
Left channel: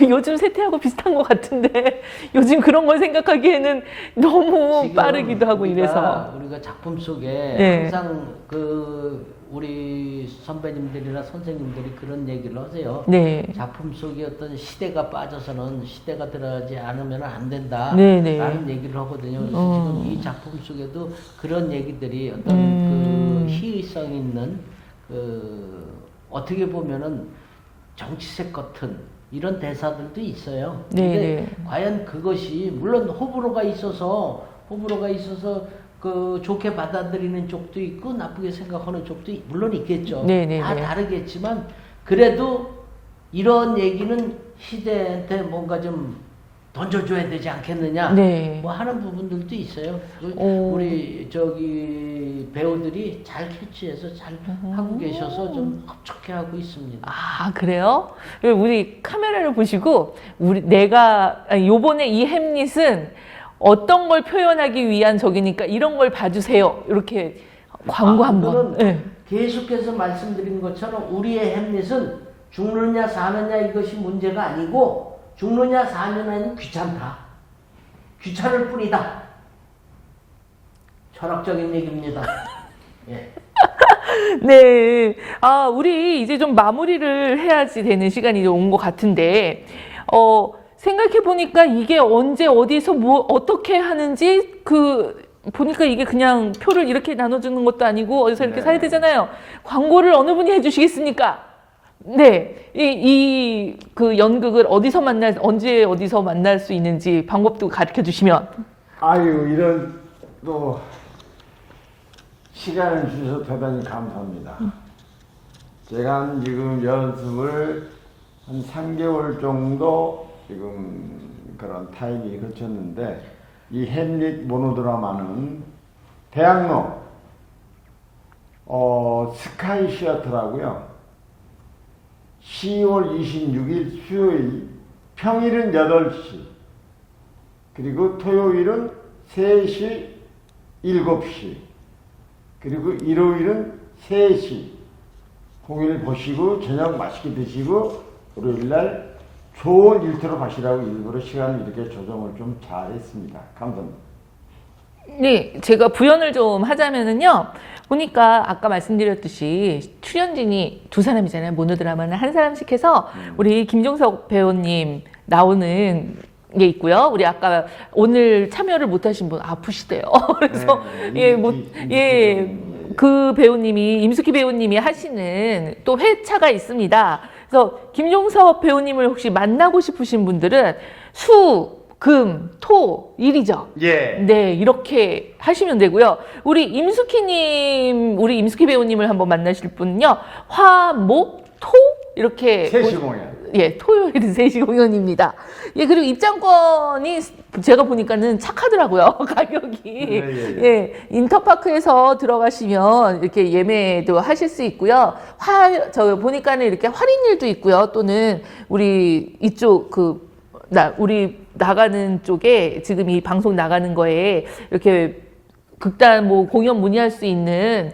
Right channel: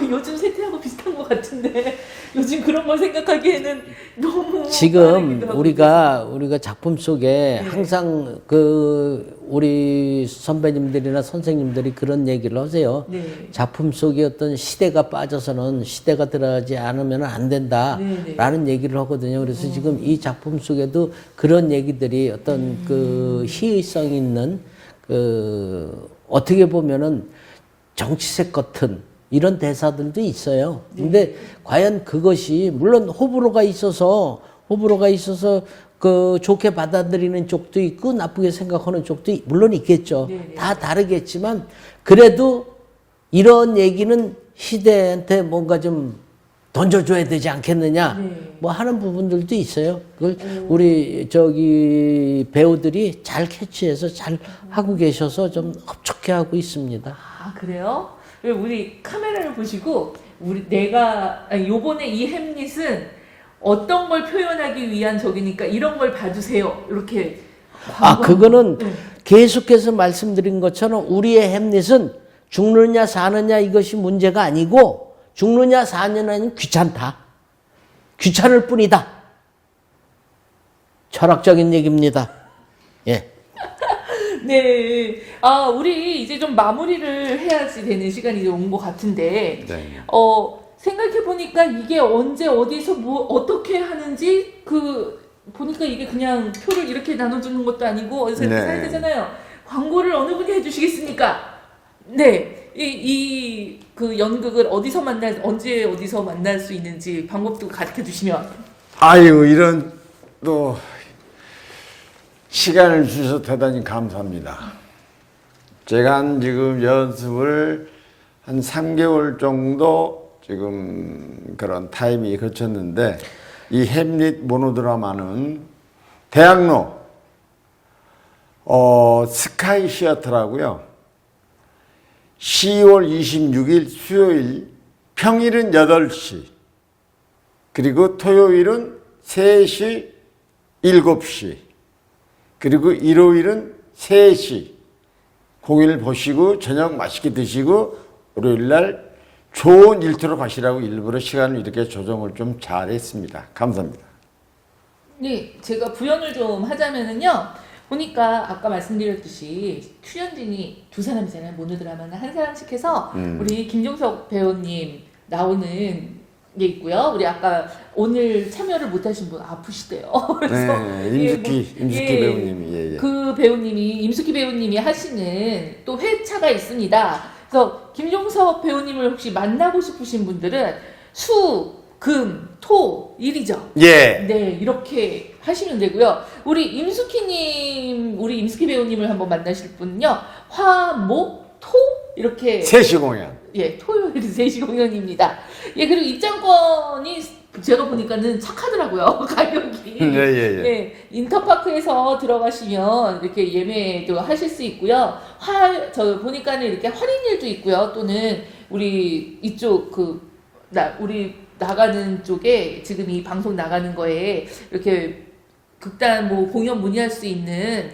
요즘 세태하고 비슷한 것 같은데 요즘 그런 걸 생각하기에는 너무 지금 빠르기도 하고 이래서. 우리가 작품 속에 네. 항상 우리 선배님들이나 선생님들이 그런 얘기를 하세요. 네. 작품 속에 어떤 시대가 빠져서는 시대가 들어가지 않으면 안 된다라는 얘기를 하거든요. 그래서 지금 이 작품 속에도 그런 얘기들이 어떤 그 희의성 있는 어떻게 보면은 정치색 같은 이런 대사들도 있어요. 네. 근데 과연 그것이 물론 호불호가 있어서 그 좋게 받아들이는 쪽도 있고 나쁘게 생각하는 쪽도 물론 있겠죠. 네. 다 다르겠지만 그래도 이런 얘기는 시대한테 뭔가 좀 던져줘야 되지 않겠느냐 네. 뭐 하는 부분들도 있어요. 우리 저기 배우들이 잘 캐치해서 잘 하고 계셔서 좀 흡족해 하고 있습니다. 아, 그래요? 우리 카메라를 보시고 요번에 이 햄릿은 어떤 걸 표현하기 위한 적이니까 이런 걸 봐주세요. 이렇게 광고 그거는 한번. 네. 계속해서 말씀드린 것처럼 우리의 햄릿은 죽느냐 사느냐 이것이 문제가 아니고 죽느냐 사느냐는 귀찮다. 귀찮을 뿐이다. 철학적인 얘기입니다. 예. 네. 아, 우리 이제 좀 마무리를 해야지 되는 시간이 온 것 같은데, 네. 생각해보니까 이게 언제, 어디서 뭐, 어떻게 하는지, 보니까 이게 그냥 표를 이렇게 나눠주는 것도 아니고, 어디서 이렇게 네. 사야 되잖아요. 광고를 어느 분이 해주시겠습니까? 네. 그 연극을 언제 어디서 만날 수 있는지 방법도 가르쳐 주시면. 아유, 이런 또 시간을 주셔서 대단히 감사합니다. 제가 지금 연습을 한 3개월 정도 지금 그런 타임이 거쳤는데 이 햄릿 모노드라마는 대학로 스카이 시어터라고요. 10월 26일 수요일 평일은 8시 그리고 토요일은 3시 7시 그리고 일요일은 3시 공연을 보시고 저녁 맛있게 드시고 월요일날 좋은 일터로 가시라고 일부러 시간을 이렇게 조정을 좀 잘했습니다. 감사합니다. 네, 제가 부연을 좀 하자면은요. 보니까 아까 말씀드렸듯이 출연진이 2사람이잖아요. 모노드라마는 한 사람씩 해서 우리 김종석 배우님 나오는 게 있고요. 우리 아까 오늘 참여를 못하신 분 아프시대요. 그래서 임숙희 배우님이 그 배우님이 임숙희 배우님이 하시는 또 회차가 있습니다. 그래서 김종석 배우님을 혹시 만나고 싶으신 분들은 수, 금, 토, 일이죠. 예. 네, 이렇게 하시면 되고요. 우리 임숙희 배우님을 한번 만나실 분은요. 화, 목, 토 이렇게 3시 공연. 예, 토요일 3시 공연입니다. 예, 그리고 입장권이 제가 보니까는 착하더라고요. 가격이. 예, 인터파크에서 들어가시면 이렇게 예매도 하실 수 있고요. 저 보니까는 이렇게 할인율도 있고요. 또는 우리 이쪽 우리 나가는 쪽에 지금 이 방송 나가는 거에 이렇게 극단 뭐 공연 문의할 수 있는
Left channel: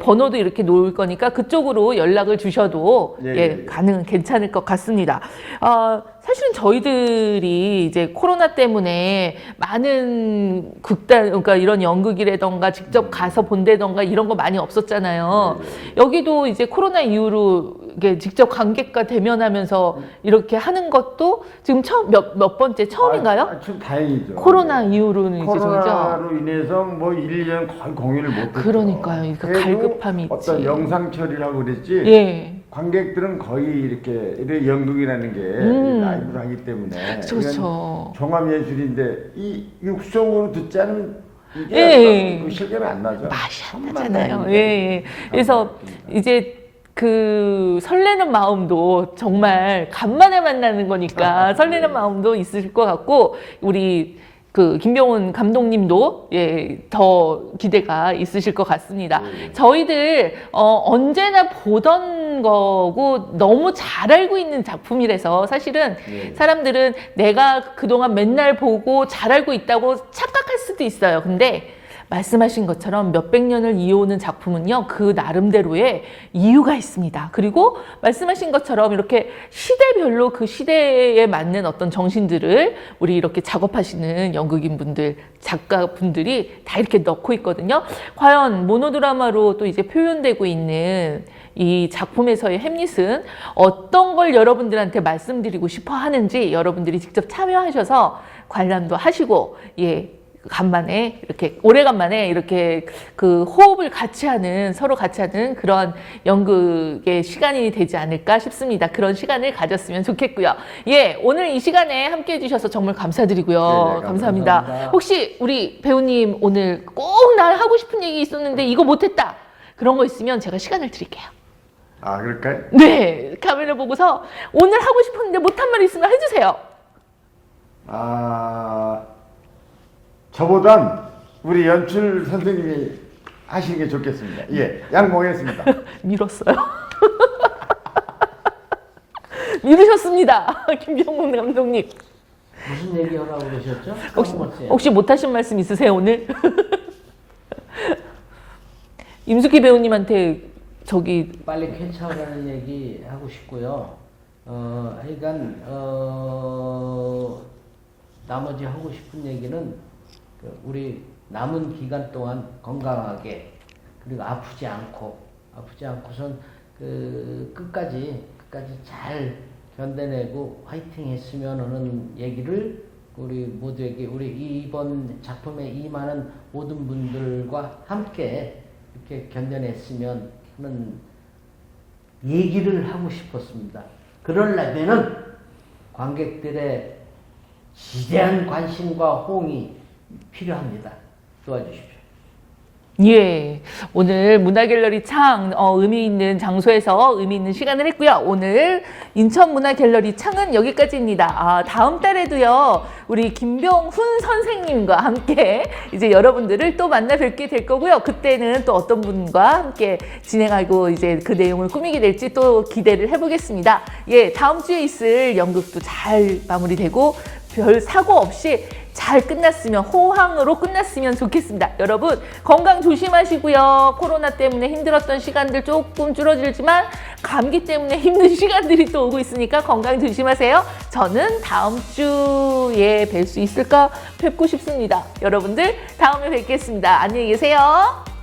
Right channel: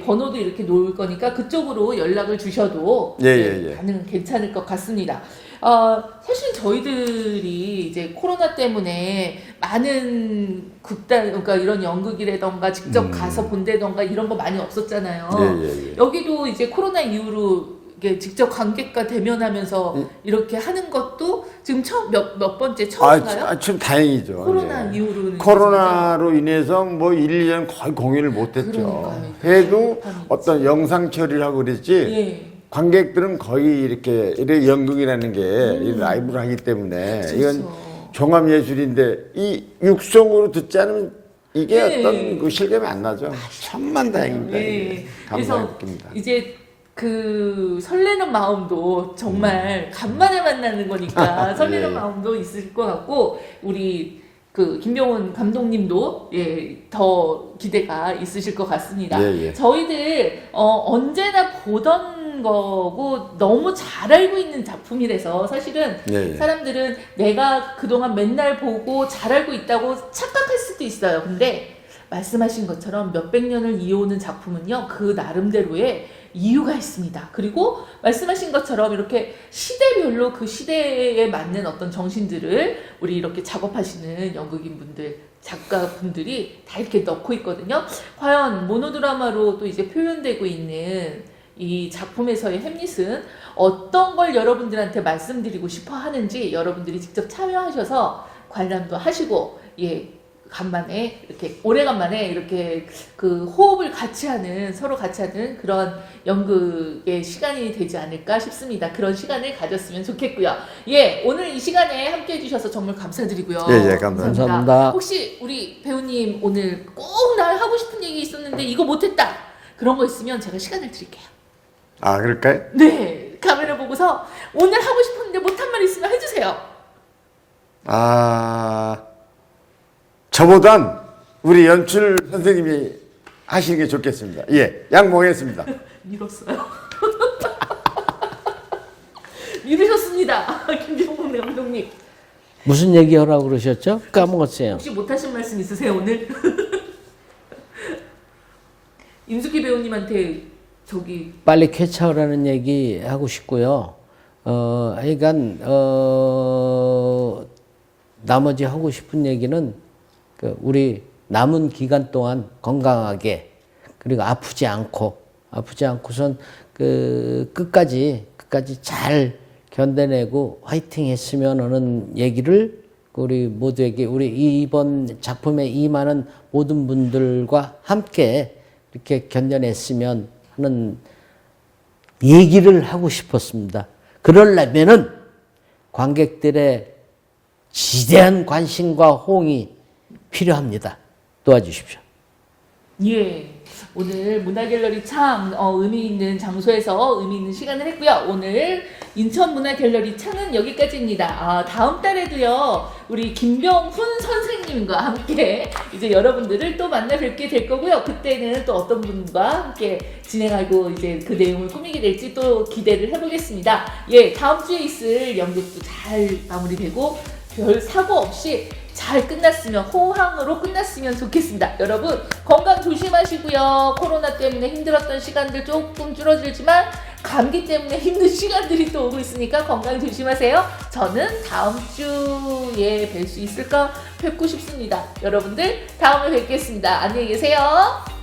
번호도 이렇게 놓을 거니까 그쪽으로 연락을 주셔도 괜찮을 것 같습니다. 사실은 저희들이 이제 코로나 때문에 많은 그러니까 이런 연극이라던가 직접 가서 본다던가 이런 거 많이 없었잖아요. 여기도 이제 코로나 이후로 이게 직접 관객과 대면하면서 이렇게 하는 것도 지금 몇 번째 처음인가요? 참 다행이죠. 코로나 이후로는 코로나로 인해서 뭐 1, 2년 거의 공연을 못했죠. 그러니까요. 그래도 갈급함이 어떤 있지. 영상 처리를 하고 그랬지. 관객들은 거의 이렇게 연극이라는 게 라이브를 하기 때문에 이건 종합예술인데 이 육성으로 듣지 않으면 이게 어떤 그 실감이 안 나죠. 천만다행입니다. 그래서 이제 설레는 마음도 정말 간만에 만나는 거니까 설레는 마음도 있을 것 같고, 우리 김병훈 감독님도 더 기대가 있으실 것 같습니다. 저희들 언제나 보던 거고 너무 잘 알고 있는 작품이라서 사실은 사람들은 내가 그동안 맨날 보고 잘 알고 있다고 착각할 수도 있어요. 근데 말씀하신 것처럼 몇백 년을 이어오는 작품은요, 그 나름대로의 이유가 있습니다. 그리고 말씀하신 것처럼 이렇게 시대별로 그 시대에 맞는 어떤 정신들을 우리 이렇게 작업하시는 연극인분들, 작가분들이 다 이렇게 넣고 있거든요. 과연 모노드라마로 또 이제 표현되고 있는 이 작품에서의 햄릿은 어떤 걸 여러분들한테 말씀드리고 싶어 하는지 여러분들이 직접 참여하셔서 관람도 하시고, 간만에 이렇게 오래간만에 이렇게 그 호흡을 같이 하는 서로 같이 하는 그런 연극의 시간이 되지 않을까 싶습니다. 그런 시간을 가졌으면 좋겠고요. 예, 오늘 이 시간에 함께 해주셔서 정말 감사드리고요. 예, 감사합니다. 혹시 우리 배우님 오늘 꼭 나 하고 싶은 얘기 있었는데 이거 못했다 그런 거 있으면 제가 시간을 드릴게요. 아, 그럴까요? 네, 카메라 보고서 오늘 하고 싶었는데 못한 말 있으면 해주세요. 아, 저보단 우리 연출 선생님이 하시는 게 좋겠습니다. 예, 양보하겠습니다. 밀었어요. 미루셨습니다. 김정문 감독님. 무슨 얘기하라고 그러셨죠? 까먹었어요. 혹시 못하신 말씀 있으세요 오늘? 임숙희 배우님한테 저기 빨리 쾌차하라는 얘기 하고 싶고요. 하여간 나머지 하고 싶은 얘기는 그 우리 남은 기간 동안 건강하게 그리고 아프지 않고선 그 끝까지 잘 견뎌내고 화이팅 했으면 하는 얘기를 우리 모두에게 우리 이번 작품에 임하는 모든 분들과 함께 이렇게 견뎌냈으면 하는 얘기를 하고 싶었습니다. 그러려면은 관객들의 지대한 관심과 호응이 필요합니다. 도와주십시오. 예, 오늘 문화갤러리 창 의미 있는 장소에서 의미 있는 시간을 했고요. 오늘 인천문화갤러리 창은 여기까지입니다. 다음 달에도요 우리 김병훈 선생님과 함께 이제 여러분들을 또 만나 뵙게 될 거고요. 그때는 또 어떤 분과 함께 진행하고 이제 그 내용을 꾸미게 될지 또 기대를 해보겠습니다. 예, 다음 주에 있을 연극도 잘 마무리되고 별 사고 없이 잘 끝났으면 호황으로 끝났으면 좋겠습니다. 여러분 건강 조심하시고요. 코로나 때문에 힘들었던 시간들 조금 줄어들지만 감기 때문에 힘든 시간들이 또 오고 있으니까 건강 조심하세요. 저는 다음 주에 뵐 수 있을까 뵙고 싶습니다. 여러분들 다음에 뵙겠습니다. 안녕히 계세요.